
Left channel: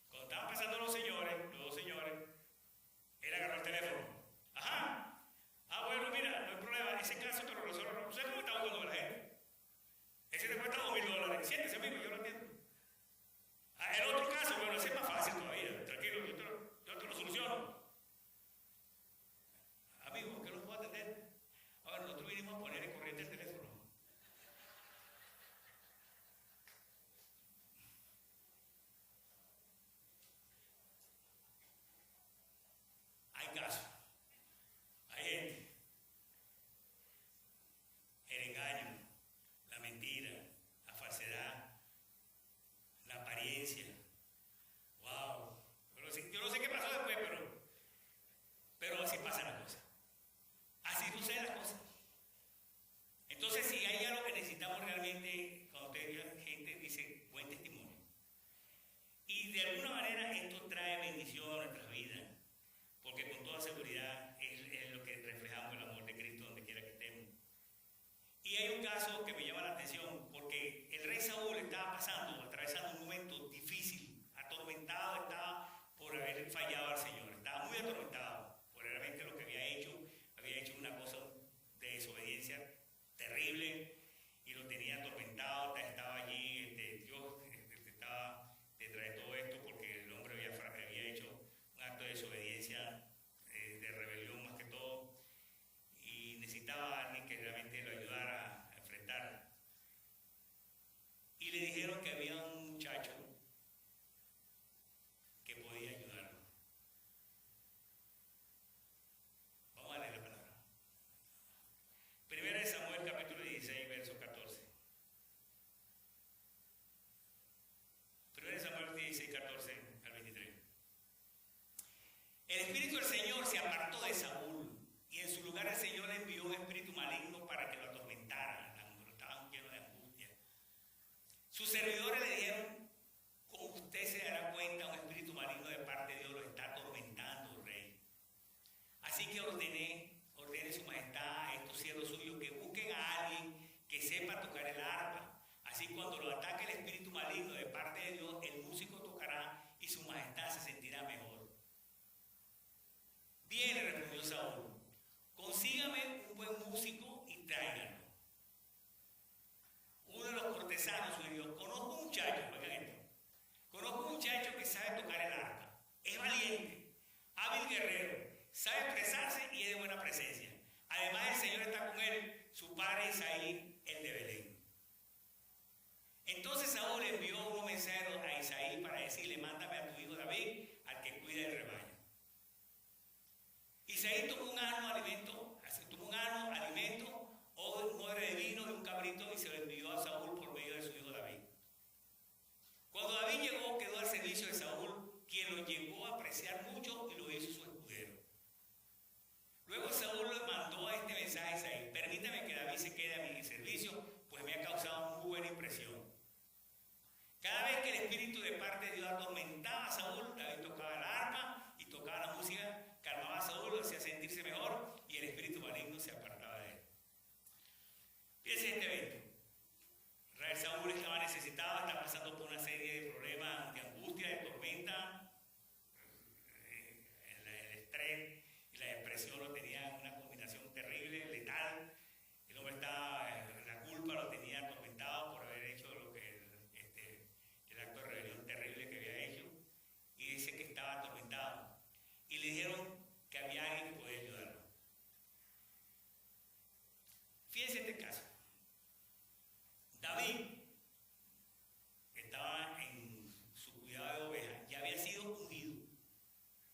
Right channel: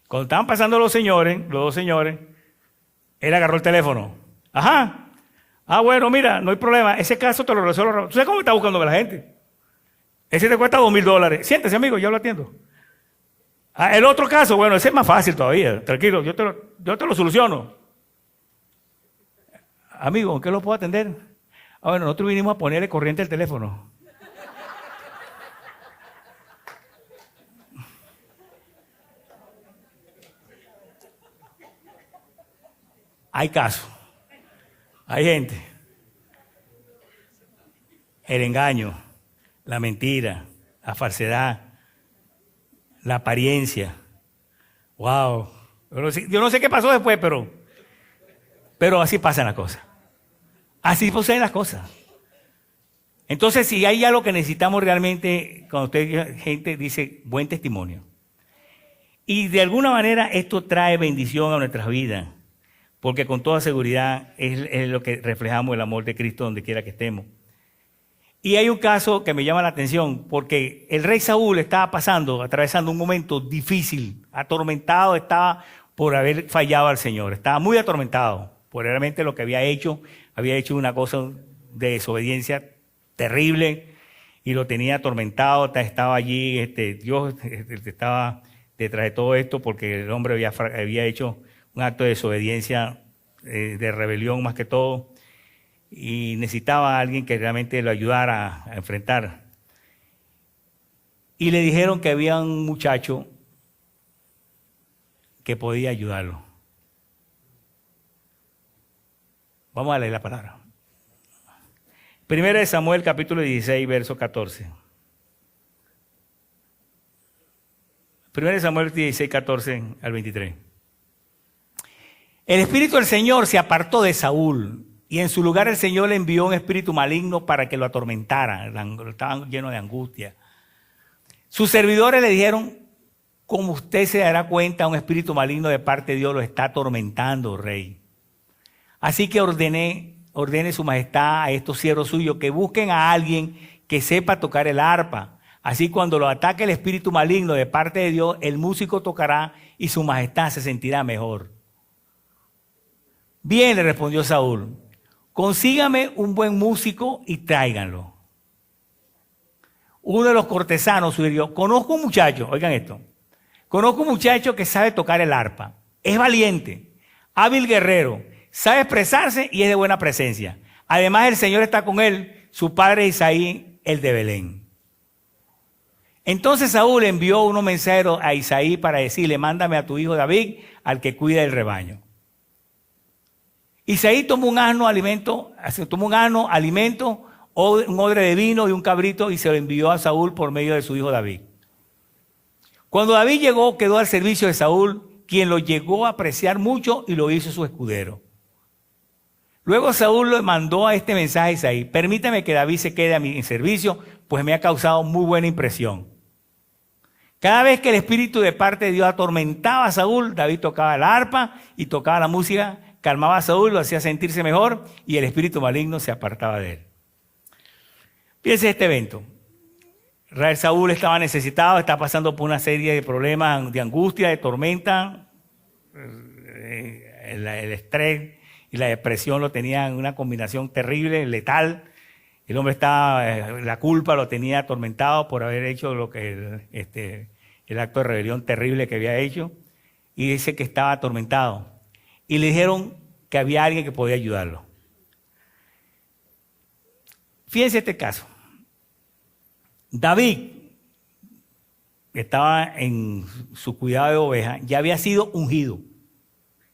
Cuando estaban pasando los 2 señores, él agarró el teléfono. Ajá. Ah, bueno, mira, no hay problema. Ese caso te lo resuelvo. ¿Tú sabes cómo está buscando la gente? Ese te cuesta $2,000. Siéntese, amigo, yo lo atiendo. Ah, el otro caso, bueno, ese es más fácil todavía. Tranquilo, yo te lo soluciono. Amigo, ¿en qué lo puedo atender? Ah, bueno, nosotros vinimos a ponerle corriente al teléfono. Hay casos, hay gente. El engaño, la mentira, la falsedad, la apariencia. Wow. Yo no sé qué pasó después, pero así pasan las cosas. Así suceden las cosas. Entonces, si hay algo que necesitamos realmente, cuando usted, gente, dice buen testimonio. Y de alguna manera esto trae bendición a nuestras vidas, porque con toda seguridad es lo que reflejamos el amor de Cristo donde quiera que estemos. Y hay un caso que me llama la atención, porque el rey Saúl estaba atravesando un momento difícil, atormentado estaba por haber fallado al Señor, estaba muy atormentado por realmente lo que había hecho una cosa de desobediencia terrible y lo tenía atormentado, estaba allí, Dios estaba detrás de todo esto porque el hombre había hecho un acto de desobediencia, de rebelión más que todo, y necesitaba a alguien que realmente lo ayudara a enfrentar. Y le dijeron que había un muchacho que podía ayudarlo. Vamos a leer la palabra. Primera de Samuel, capítulo 16, verso 14. Primera de Samuel 16, 14 al 23. El espíritu del Señor se apartó de Saúl y en su lugar el Señor le envió un espíritu maligno para que lo atormentara. Estaban llenos de angustia. Sus servidores le dijeron: como usted se dará cuenta, un espíritu maligno de parte de Dios lo está atormentando, rey. Así que ordene su majestad a estos siervos suyos que busquen a alguien que sepa tocar el arpa. Así cuando lo ataque el espíritu maligno de parte de Dios, el músico tocará y su majestad se sentirá mejor. Bien, le respondió Saúl, consígame un buen músico y tráiganlo. Uno de los cortesanos sugirió: conozco un muchacho, oigan esto, conozco un muchacho que sabe tocar el arpa, es valiente, hábil guerrero, sabe expresarse y es de buena presencia. Además, el Señor está con él, su padre Isaí, el de Belén. Entonces Saúl envió unos mensajeros a Isaí para decirle: mándame a tu hijo David, al que cuida el rebaño. Isaí tomó un asno, alimento, un odre de vino y un cabrito y se lo envió a Saúl por medio de su hijo David. Cuando David llegó, quedó al servicio de Saúl, quien lo llegó a apreciar mucho y lo hizo su escudero. Luego Saúl le mandó a este mensaje a Isaí: permítame que David se quede a mi servicio, pues me ha causado muy buena impresión. Cada vez que el espíritu de parte de Dios atormentaba a Saúl, David tocaba la arpa y tocaba la música, calmaba a Saúl, lo hacía sentirse mejor y el espíritu maligno se apartaba de él. Fíjense este evento. Saúl estaba necesitado, estaba pasando por una serie de problemas, de angustia, de tormenta. El estrés y la depresión lo tenían en una combinación terrible, letal. El hombre la culpa lo tenía atormentado por haber hecho el acto de rebelión terrible que había hecho. Y dice que estaba atormentado. Y le dijeron que había alguien que podía ayudarlo. Fíjense este caso. David, que estaba en su cuidado de oveja, ya había sido ungido.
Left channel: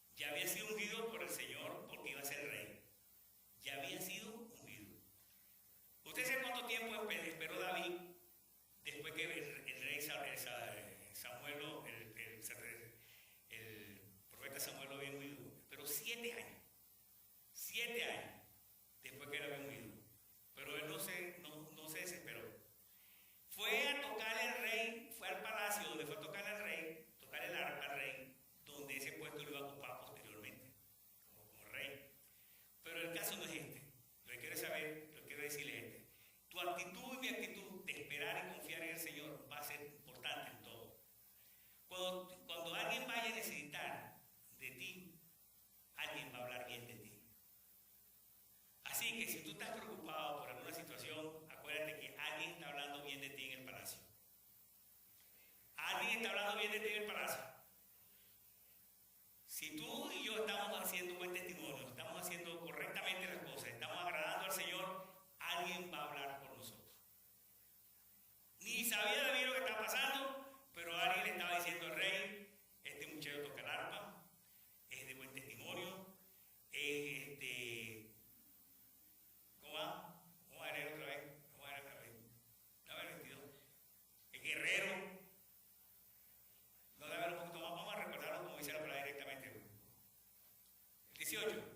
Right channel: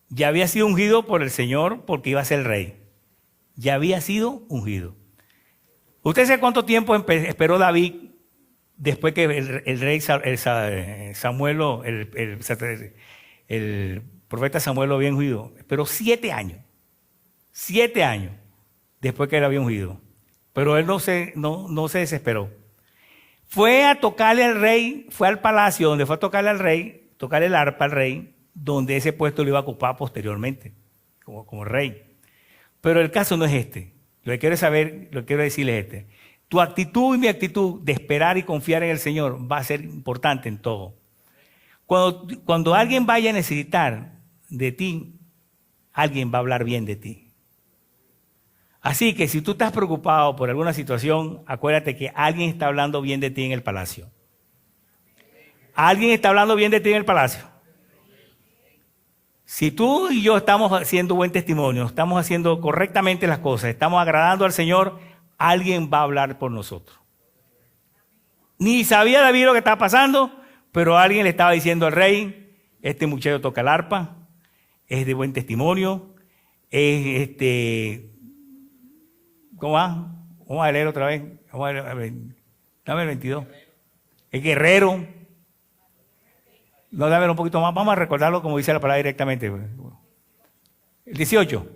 Ya había sido ungido por el Señor porque iba a ser el rey. Ya había sido ungido. ¿Usted sabe cuánto tiempo esperó David después que el rey Samuel, el profeta Samuel lo había ungido? Esperó 7 años. 7 años después que él había ungido. Pero él no se desesperó. Fue a tocarle al rey, fue al palacio donde fue a tocarle al rey, tocarle el arpa al rey, donde ese puesto lo iba a ocupar posteriormente, como rey. Pero el caso no es este. Lo que quiero decirles es este. Tu actitud y mi actitud de esperar y confiar en el Señor va a ser importante en todo. Cuando alguien vaya a necesitar de ti, alguien va a hablar bien de ti. Así que si tú estás preocupado por alguna situación, acuérdate que alguien está hablando bien de ti en el palacio. Alguien está hablando bien de ti en el palacio. Si tú y yo estamos haciendo buen testimonio, estamos haciendo correctamente las cosas, estamos agradando al Señor, alguien va a hablar por nosotros. Ni sabía David lo que estaba pasando, pero alguien le estaba diciendo al rey: este muchacho toca el arpa, es de buen testimonio, ¿cómo va? Vamos a leer otra vez. Vamos a leer, dame el 22. Es guerrero. No, dame un poquito más. Vamos a recordarlo como dice la palabra directamente. El 18.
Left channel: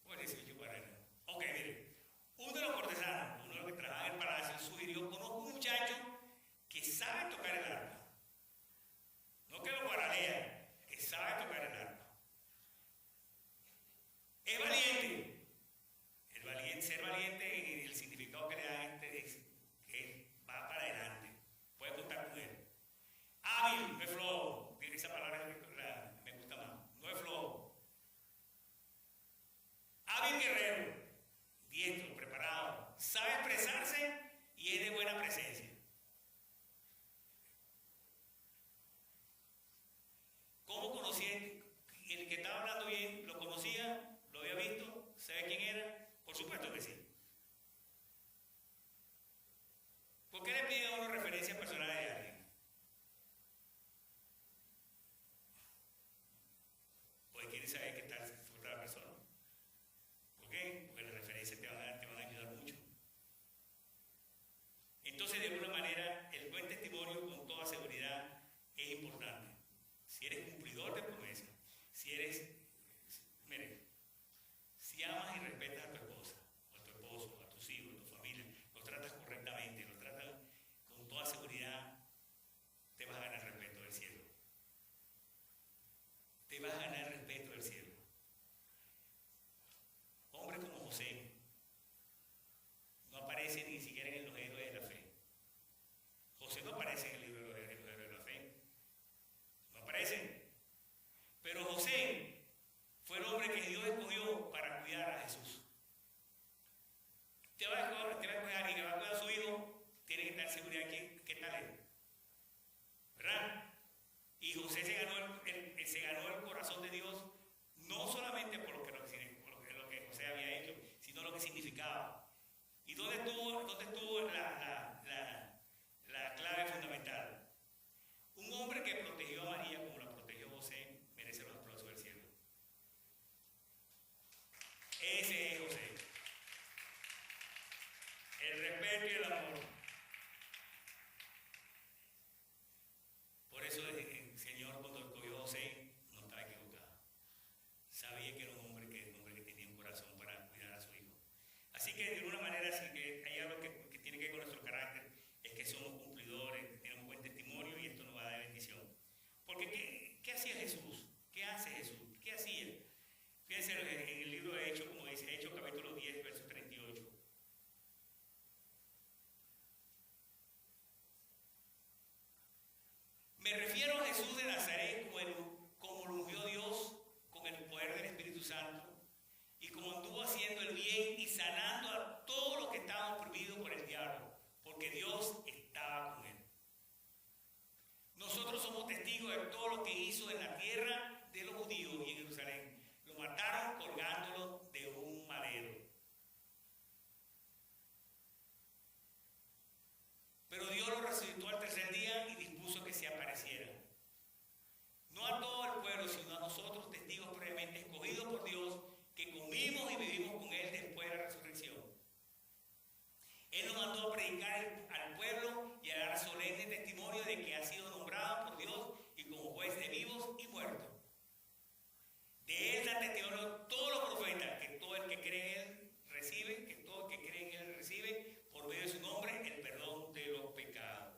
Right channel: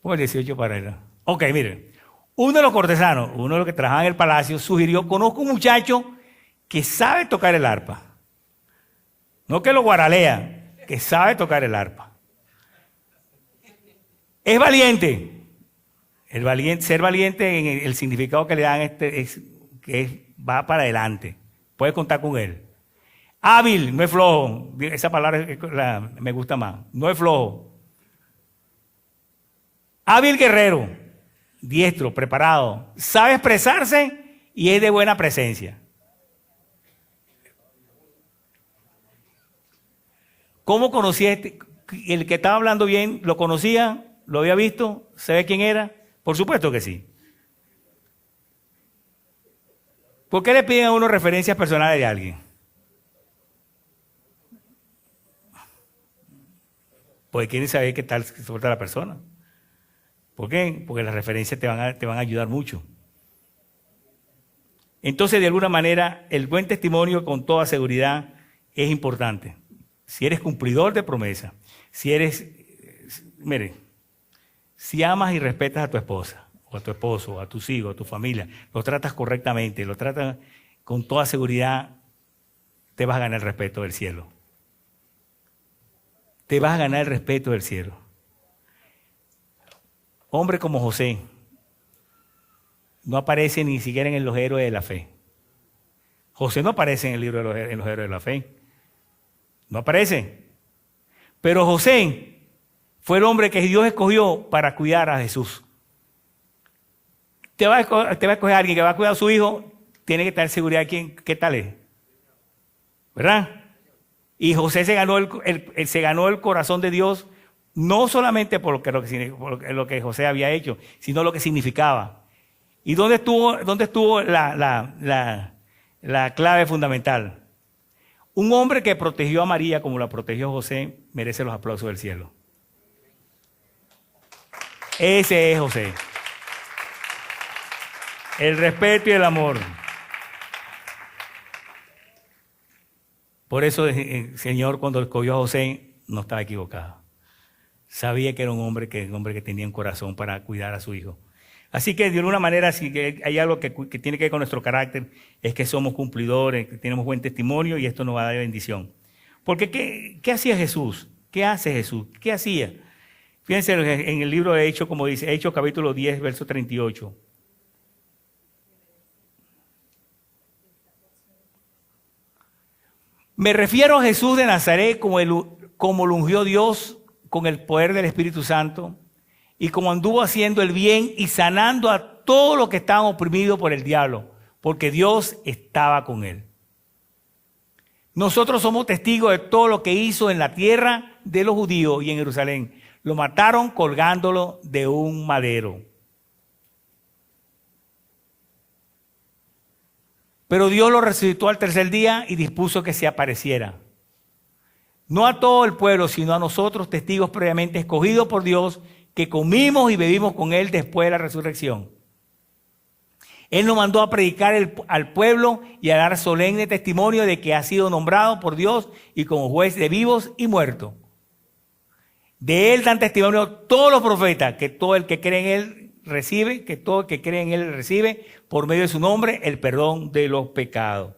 Pon el 18 para él. Ok, miren. Uno de los cortesanos, uno de los que trabajaba en el palacio, sugirió: conozco un muchacho que sabe tocar el arpa. No que lo guaralea, que sabe tocar el arpa. Es valiente. Ser valiente en el significado que le dan es que va para adelante. Puedes contar con él. Hábil, no es flojo. Esa palabra me gusta más. No es flojo. Hábil guerrero, diestro, preparado. Sabe expresarse y es de buena presencia. ¿Cómo conocía el que estaba hablando bien? ¿Lo conocía? ¿Lo había visto? ¿Sabe quién era? Por supuesto que sí. ¿Por qué le piden a uno referencias personales de alguien? Porque quieren saber qué tal se porta la persona. ¿Por qué? Porque las referencias te van a ayudar mucho. Entonces, de alguna manera, el buen testimonio con toda seguridad es importante. Si eres cumplidor de promesa, si amas y respetas a tu esposa, o a tu esposo, o a tus hijos, a tu familia, lo tratas correctamente, lo tratas con toda seguridad, te vas a ganar el respeto del cielo. Te vas a ganar el respeto del cielo. Hombre como José no aparece ni siquiera en los héroes de la fe. José no aparece en el libro de los héroes de la fe. No aparece. Pero José fue el hombre que Dios escogió para cuidar a Jesús. Te va a escoger a alguien que va a cuidar a su hijo, tiene que tener seguridad de qué tal es. ¿Verdad? Y José se ganó el corazón de Dios, no solamente por lo que José había hecho, sino lo que significaba. ¿Y dónde estuvo la clave fundamental? Un hombre que protegió a María como la protegió José merece los aplausos del cielo. Ese es José. El respeto y el amor. Por eso el Señor, cuando escogió a José, no estaba equivocado. Sabía que era un hombre que tenía un corazón para cuidar a su hijo. Así que de alguna manera, si hay algo que tiene que ver con nuestro carácter, es que somos cumplidores, que tenemos buen testimonio y esto nos va a dar bendición. Porque ¿qué hacía Jesús? ¿Qué hace Jesús? ¿Qué hacía? Fíjense en el libro de Hechos, como dice, Hechos capítulo 10, verso 38. Me refiero a Jesús de Nazaret como lo ungió Dios con el poder del Espíritu Santo y como anduvo haciendo el bien y sanando a todos los que estaban oprimidos por el diablo, porque Dios estaba con él. Nosotros somos testigos de todo lo que hizo en la tierra de los judíos y en Jerusalén. Lo mataron colgándolo de un madero. Pero Dios lo resucitó al tercer día y dispuso que se apareciera. No a todo el pueblo, sino a nosotros, testigos previamente escogidos por Dios, que comimos y bebimos con Él después de la resurrección. Él nos mandó a predicar al pueblo y a dar solemne testimonio de que ha sido nombrado por Dios y como juez de vivos y muertos. De Él dan testimonio todos los profetas, que todo el que cree en Él recibe, que todo el que cree en Él recibe, por medio de su nombre, el perdón de los pecados.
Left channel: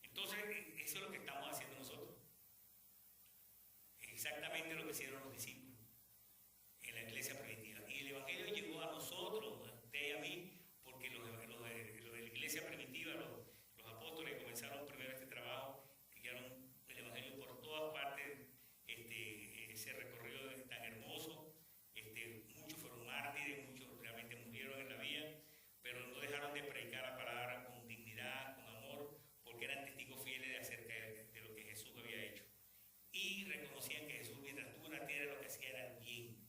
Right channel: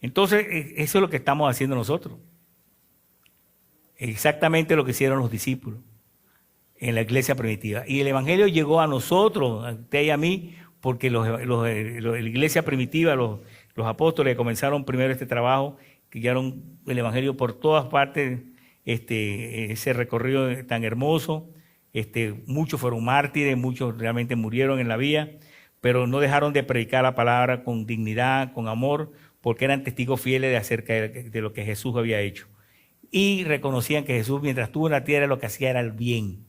Entonces, eso es lo que estamos haciendo nosotros. Exactamente lo que hicieron los discípulos en la iglesia primitiva. Y el evangelio llegó a nosotros, a usted y a mí, porque la iglesia primitiva, los apóstoles comenzaron primero este trabajo, que guiaron el evangelio por todas partes, ese recorrido tan hermoso. Muchos fueron mártires, muchos realmente murieron en la vía, pero no dejaron de predicar la palabra con dignidad, con amor, porque eran testigos fieles acerca de lo que Jesús había hecho. Y reconocían que Jesús, mientras estuvo en la tierra, lo que hacía era el bien.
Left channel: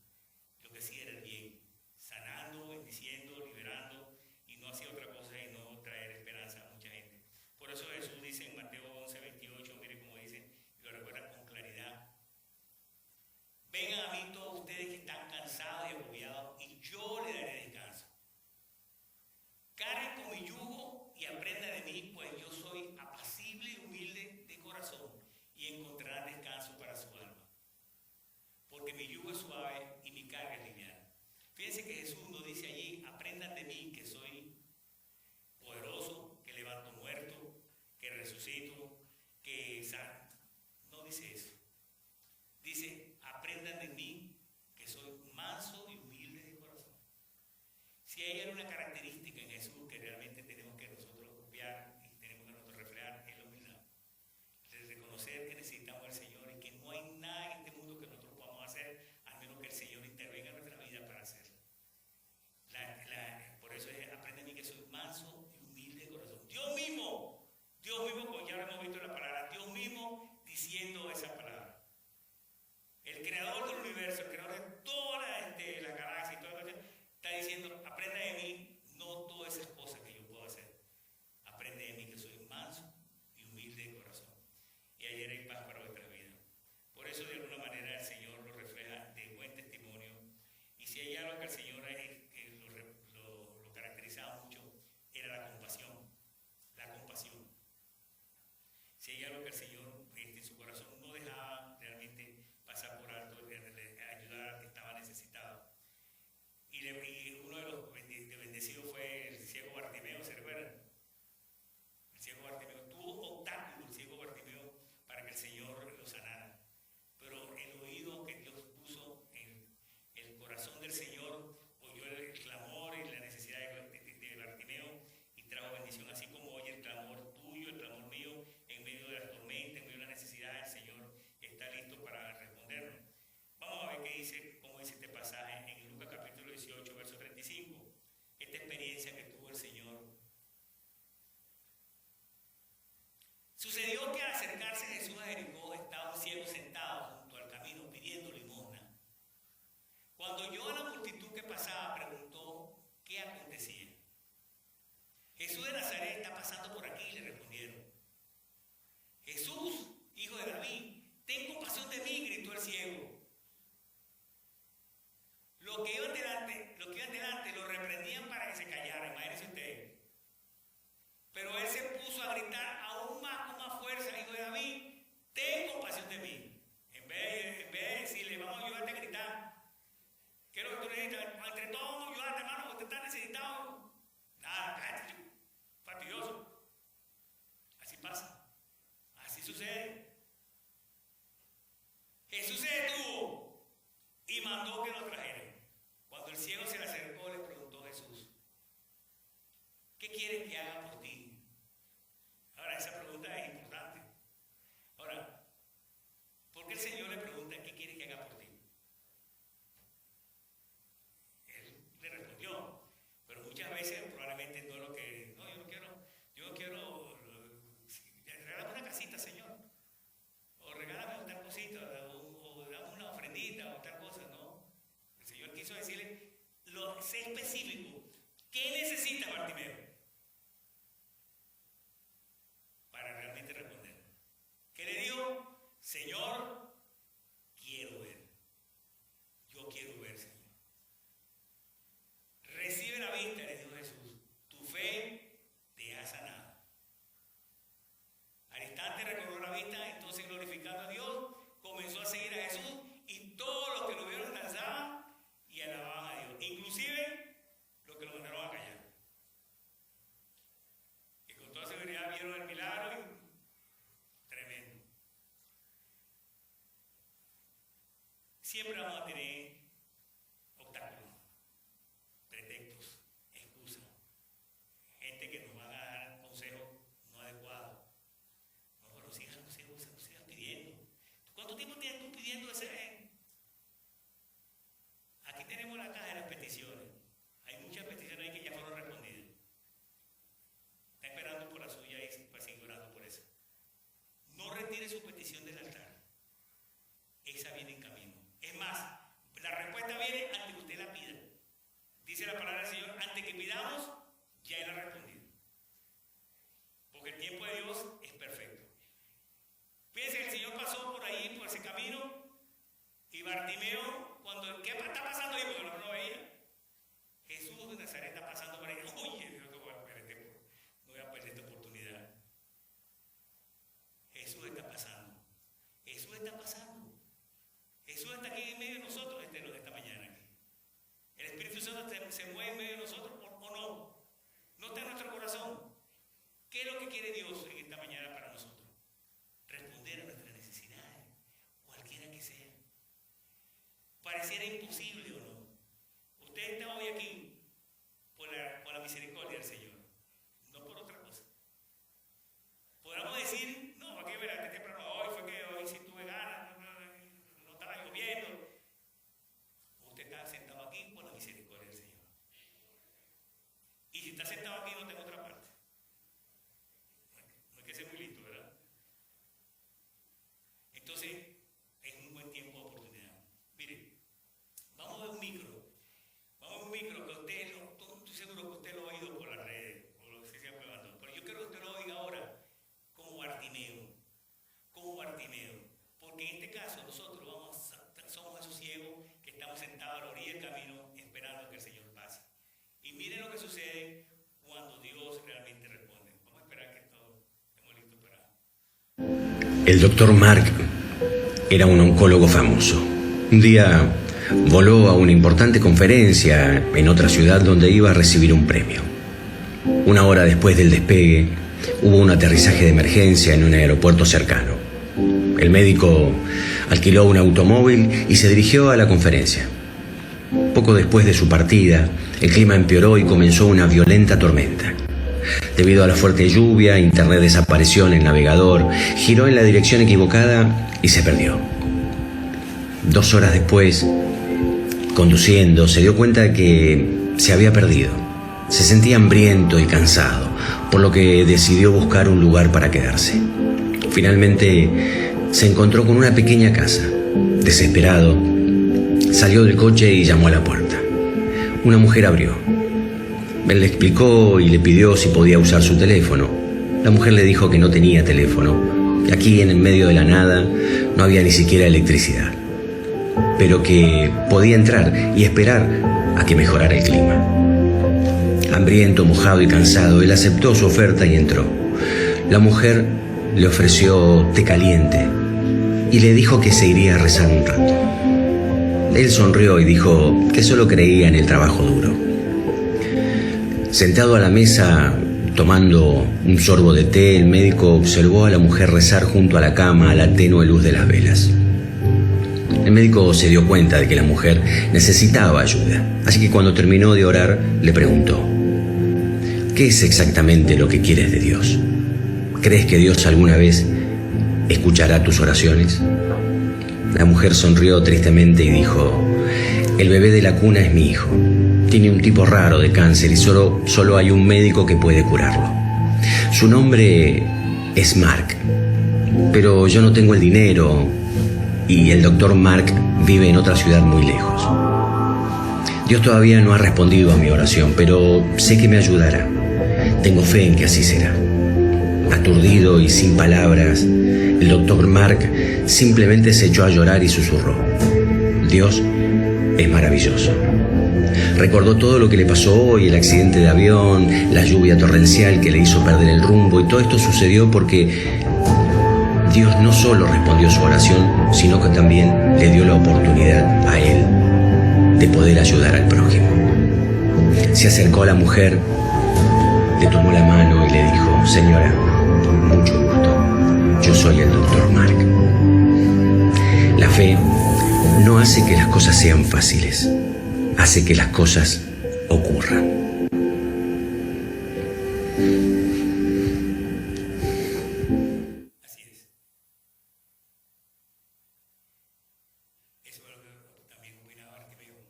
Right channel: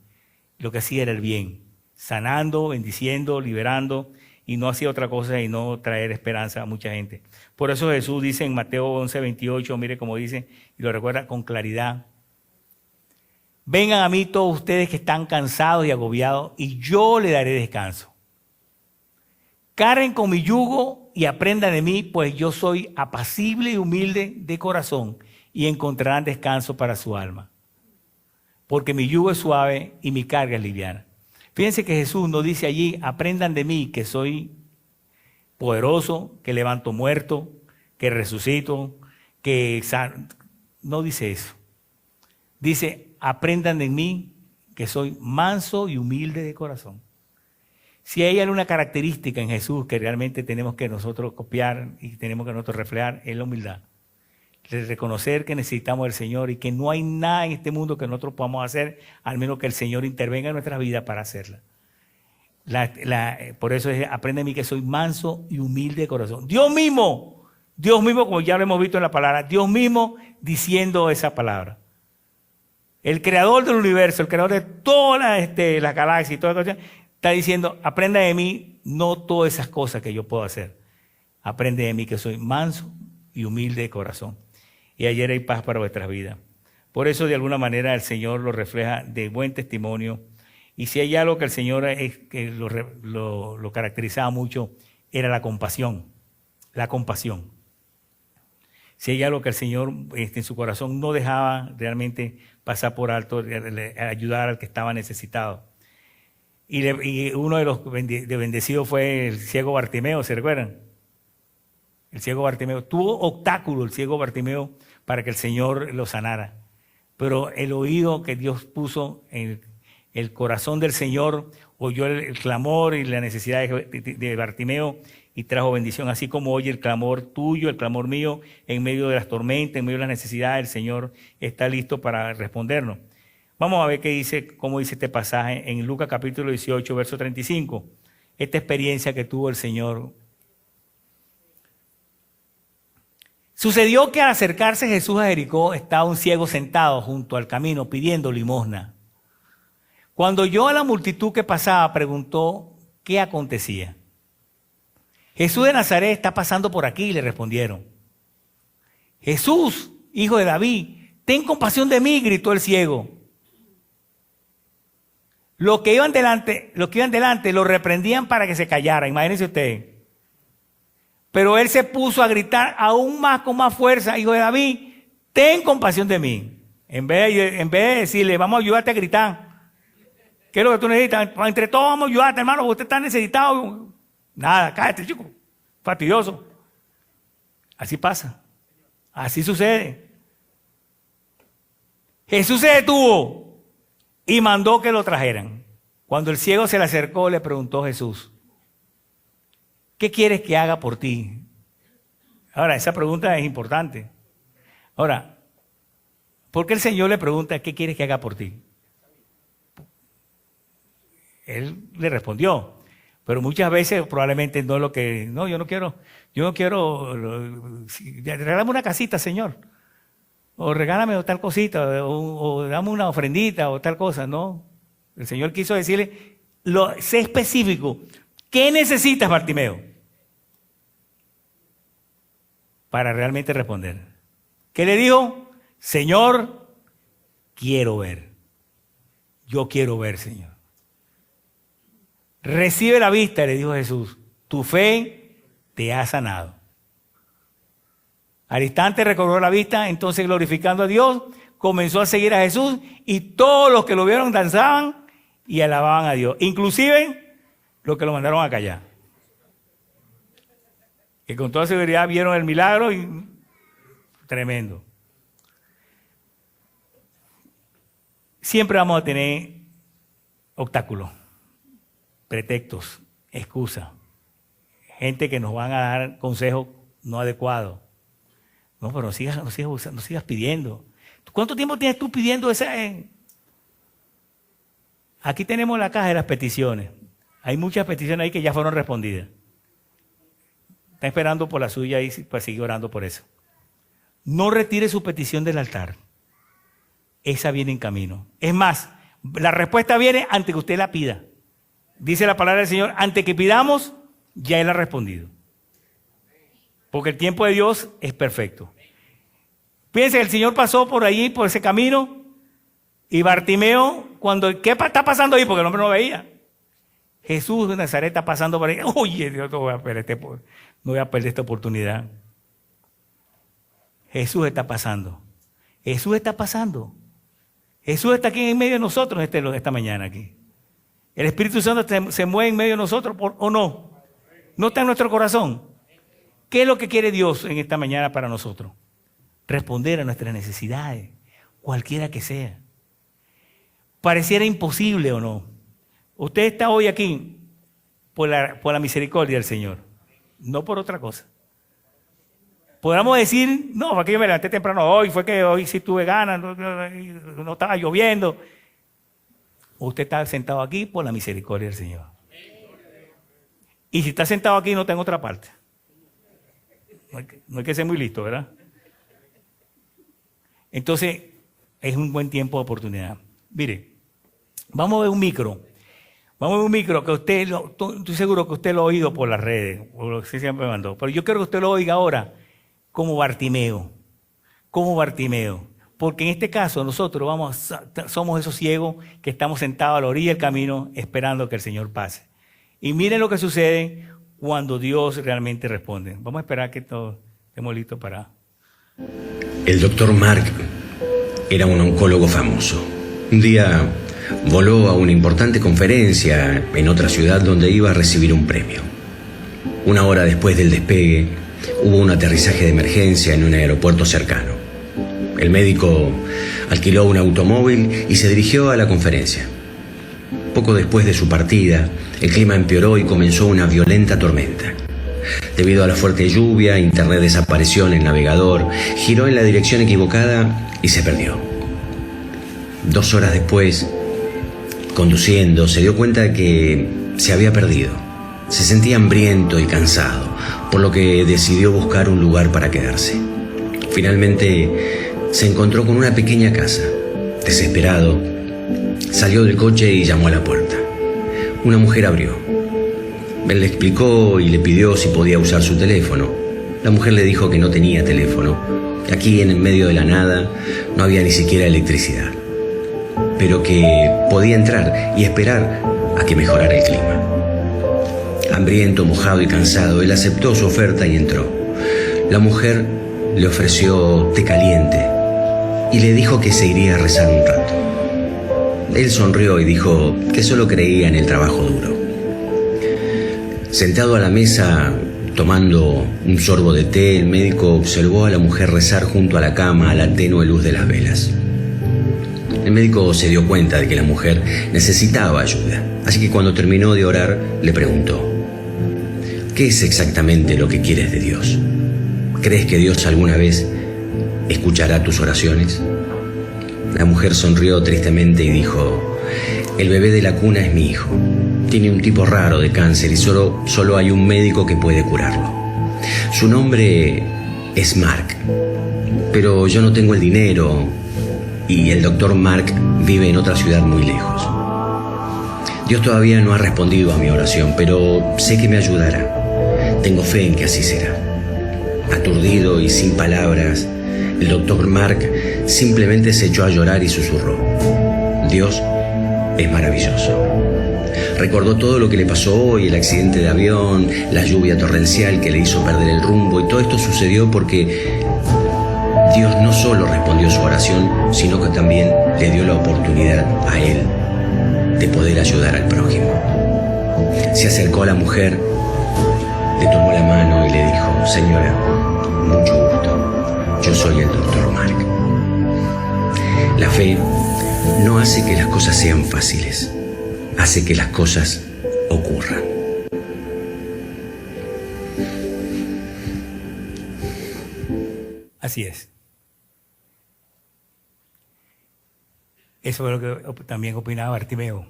Lo que hacía era el bien, sanando, bendiciendo, liberando, y no hacía otra cosa y no traer esperanza a mucha gente. Por eso Jesús dice en Mateo 11:28, mire cómo dice, y lo recuerda con claridad: vengan a mí todos ustedes que están cansados y agobiados, y yo les daré descanso. Carguen con mi yugo y aprendan de mí, pues yo soy apacible y humilde de corazón, y encontrarán descanso para su alma. Porque mi yugo es suave y mi carga es liviana. Fíjense que Jesús nos dice allí: aprendan de mí, que soy poderoso, que levanto muertos, que resucito, que no dice eso. Dice, aprendan de mí que soy manso y humilde de corazón. Si hay alguna característica en Jesús que realmente tenemos que nosotros copiar y tenemos que nosotros reflejar, es la humildad. De reconocer que necesitamos del Señor y que no hay nada en este mundo que nosotros podamos hacer, al menos que el Señor intervenga en nuestras vidas para hacerla. Por eso es, aprende de mí que soy manso y humilde de corazón. Dios mismo, como ya lo hemos visto en la palabra, Dios mismo diciendo esa palabra. El creador del universo, el creador de todas las galaxias y todas las cosas, está diciendo, aprenda de mí, no todas esas cosas que yo puedo hacer. Aprende de mí que soy manso y humilde de corazón. Y ayer hay paz para vuestras vidas. Por eso, de alguna manera, el Señor lo refleja de buen testimonio. Y si hay algo que el Señor que lo caracterizaba mucho, era la compasión. La compasión. Si hay algo que el Señor en su corazón no dejaba realmente pasar por alto, ayudar al que estaba necesitado. Y uno de los bendecidos fue el ciego Bartimeo, ¿se recuerdan? El ciego Bartimeo. Tuvo obstáculo el ciego Bartimeo para que el Señor lo sanara. Pero el oído que Dios puso en el corazón del Señor oyó el clamor y la necesidad de Bartimeo y trajo bendición. Así como oye el clamor tuyo, el clamor mío, en medio de las tormentas, en medio de las necesidades, el Señor está listo para respondernos. Vamos a ver cómo dice este pasaje en Lucas capítulo 18, verso 35. Esta experiencia que tuvo el Señor. Sucedió que al acercarse Jesús a Jericó, estaba un ciego sentado junto al camino pidiendo limosna. Cuando oyó a la multitud que pasaba, preguntó qué acontecía. Jesús de Nazaret está pasando por aquí, le respondieron. Jesús, hijo de David, ten compasión de mí, gritó el ciego. Los que iban delante lo reprendían para que se callara, imagínense ustedes. Pero él se puso a gritar aún más con más fuerza, hijo de David, ten compasión de mí. En vez de decirle, vamos a ayudarte a gritar. ¿Qué es lo que tú necesitas? Entre todos vamos a ayudarte, hermano, porque usted está necesitado. Nada, cállate, chico. Fastidioso. Así pasa. Así sucede. Jesús se detuvo y mandó que lo trajeran. Cuando el ciego se le acercó, le preguntó Jesús, ¿qué quieres que haga por ti? Ahora, esa pregunta es importante. Ahora, ¿por qué el Señor le pregunta, ¿qué quieres que haga por ti? Él le respondió, pero muchas veces probablemente no es lo que, no, yo no quiero, regálame una casita, Señor, o regálame tal cosita, o dame una ofrendita o tal cosa, no. El Señor quiso decirle, sé específico, ¿qué necesitas, Bartimeo? Para realmente responder. ¿Qué le dijo? Señor, quiero ver. Yo quiero ver, Señor. Recibe la vista, le dijo Jesús. Tu fe te ha sanado. Al instante recobró la vista, entonces glorificando a Dios, comenzó a seguir a Jesús y todos los que lo vieron danzaban y alababan a Dios. Inclusive los que lo mandaron a callar. Que con toda seguridad vieron el milagro y tremendo. Siempre vamos a tener obstáculos, pretextos, excusas, gente que nos van a dar consejos no adecuados. No, pero no sigas pidiendo. ¿Cuánto tiempo tienes tú pidiendo ese? Aquí tenemos la caja de las peticiones. Hay muchas peticiones ahí que ya fueron respondidas. Está esperando por la suya y pues sigue orando por eso. No retire su petición del altar. Esa viene en camino. Es más, la respuesta viene antes que usted la pida. Dice la palabra del Señor, antes que pidamos, ya Él ha respondido. Porque el tiempo de Dios es perfecto. Fíjense, el Señor pasó por allí, por ese camino, y Bartimeo, ¿qué está pasando ahí? Porque el hombre no veía. Jesús de Nazaret está pasando por ahí. Oye, Dios, no voy a perder esta oportunidad. Jesús está pasando. Jesús está pasando. Jesús está aquí en medio de nosotros esta mañana aquí. El Espíritu Santo se mueve en medio de nosotros, ¿o no? ¿No está en nuestro corazón? ¿Qué es lo que quiere Dios en esta mañana para nosotros? responder a nuestras necesidades, cualquiera que sea. Pareciera imposible o no. Usted está hoy aquí por la misericordia del Señor, no por otra cosa. Podríamos decir, no, fue que yo me levanté temprano hoy, fue que hoy sí tuve ganas, no estaba lloviendo. Usted está sentado aquí por la misericordia del Señor. Y si está sentado aquí, no está en otra parte. No hay que ser muy listo, ¿verdad? Entonces, es un buen tiempo de oportunidad. Mire, vamos a ver un micro. Vamos a ver un micro que usted, estoy seguro que usted lo ha oído por las redes, o lo que siempre me mandó. Pero yo quiero que usted lo oiga ahora como Bartimeo. Como Bartimeo. Porque en este caso nosotros somos esos ciegos que estamos sentados a la orilla del camino esperando que el Señor pase. Y miren lo que sucede cuando Dios realmente responde. Vamos a esperar que todos estemos listos para... El doctor Mark era un oncólogo famoso. Un día voló a una importante conferencia en otra ciudad donde iba a recibir un premio. Una hora después del despegue, hubo un aterrizaje de emergencia en un aeropuerto cercano. El médico alquiló un automóvil y se dirigió a la conferencia. Poco después de su partida, el clima empeoró y comenzó una violenta tormenta. Debido a la fuerte lluvia, Internet desapareció en el navegador, giró en la dirección equivocada y se perdió. 2 horas después, conduciendo, se dio cuenta de que se había perdido. Se sentía hambriento y cansado, por lo que decidió buscar un lugar para quedarse. Finalmente, se encontró con una pequeña casa. Desesperado, salió del coche y llamó a la puerta. Una mujer abrió. Él le explicó y le pidió si podía usar su teléfono. La mujer le dijo que no tenía teléfono, que aquí en el medio de la nada no había ni siquiera electricidad, pero que podía entrar y esperar a que mejorara el clima. Hambriento, mojado y cansado, él aceptó su oferta y entró. La mujer le ofreció té caliente y le dijo que se iría a rezar un rato. Él sonrió y dijo que solo creía en el trabajo duro. Sentado a la mesa, tomando un sorbo de té, el médico observó a la mujer rezar junto a la cama a la tenue luz de las velas. El médico se dio cuenta de que la mujer necesitaba ayuda, así que cuando terminó de orar, le preguntó: ¿qué es exactamente lo que quieres de Dios? ¿Crees que Dios alguna vez escuchará tus oraciones? La mujer sonrió tristemente y dijo: el bebé de la cuna es mi hijo. Tiene un tipo raro de cáncer y solo hay un médico que puede curarlo. Su nombre es Mark, pero yo no tengo el dinero y el doctor Mark vive en otra ciudad muy lejos. Dios todavía no ha respondido a mi oración, pero sé que me ayudará. Tengo fe en que así será. Aturdido y sin palabras, el doctor Mark simplemente se echó a llorar y susurró: Dios es maravilloso. Recordó todo lo que le pasó hoy, el accidente de avión, la lluvia torrencial que le hizo perder el rumbo, y todo esto sucedió porque Dios no solo respondió su oración, sino que también le dio la oportunidad a él de poder ayudar al prójimo. Se acercó a la mujer, le tomó la mano y le dijo: señora, mucho gusto, yo soy el doctor Mark. La fe no hace que las cosas sean fáciles, hace que las cosas ocurran. Así es. Eso es lo que también opinaba Bartimeo.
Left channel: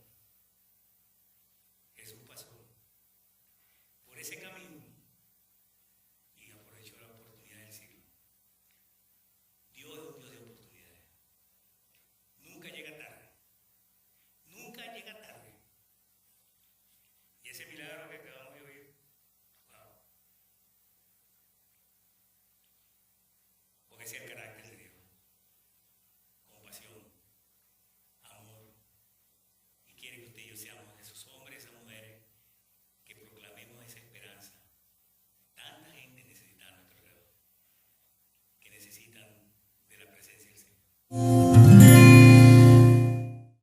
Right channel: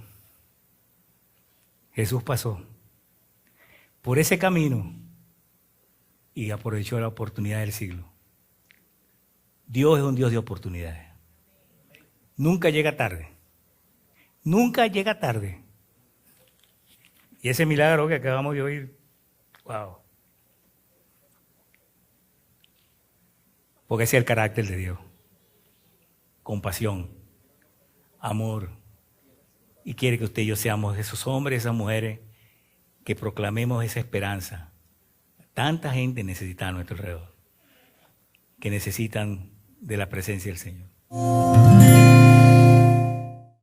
Jesús pasó por ese camino y aprovechó la oportunidad del siglo. Dios es un Dios de oportunidades. Nunca llega tarde. Nunca llega tarde. Y ese milagro que acabamos de oír, wow. Porque ese es el carácter de Dios. Compasión, amor. Y quiere que usted y yo seamos esos hombres, esas mujeres, que proclamemos esa esperanza. Tanta gente necesita a nuestro alrededor, que necesitan de la presencia del Señor.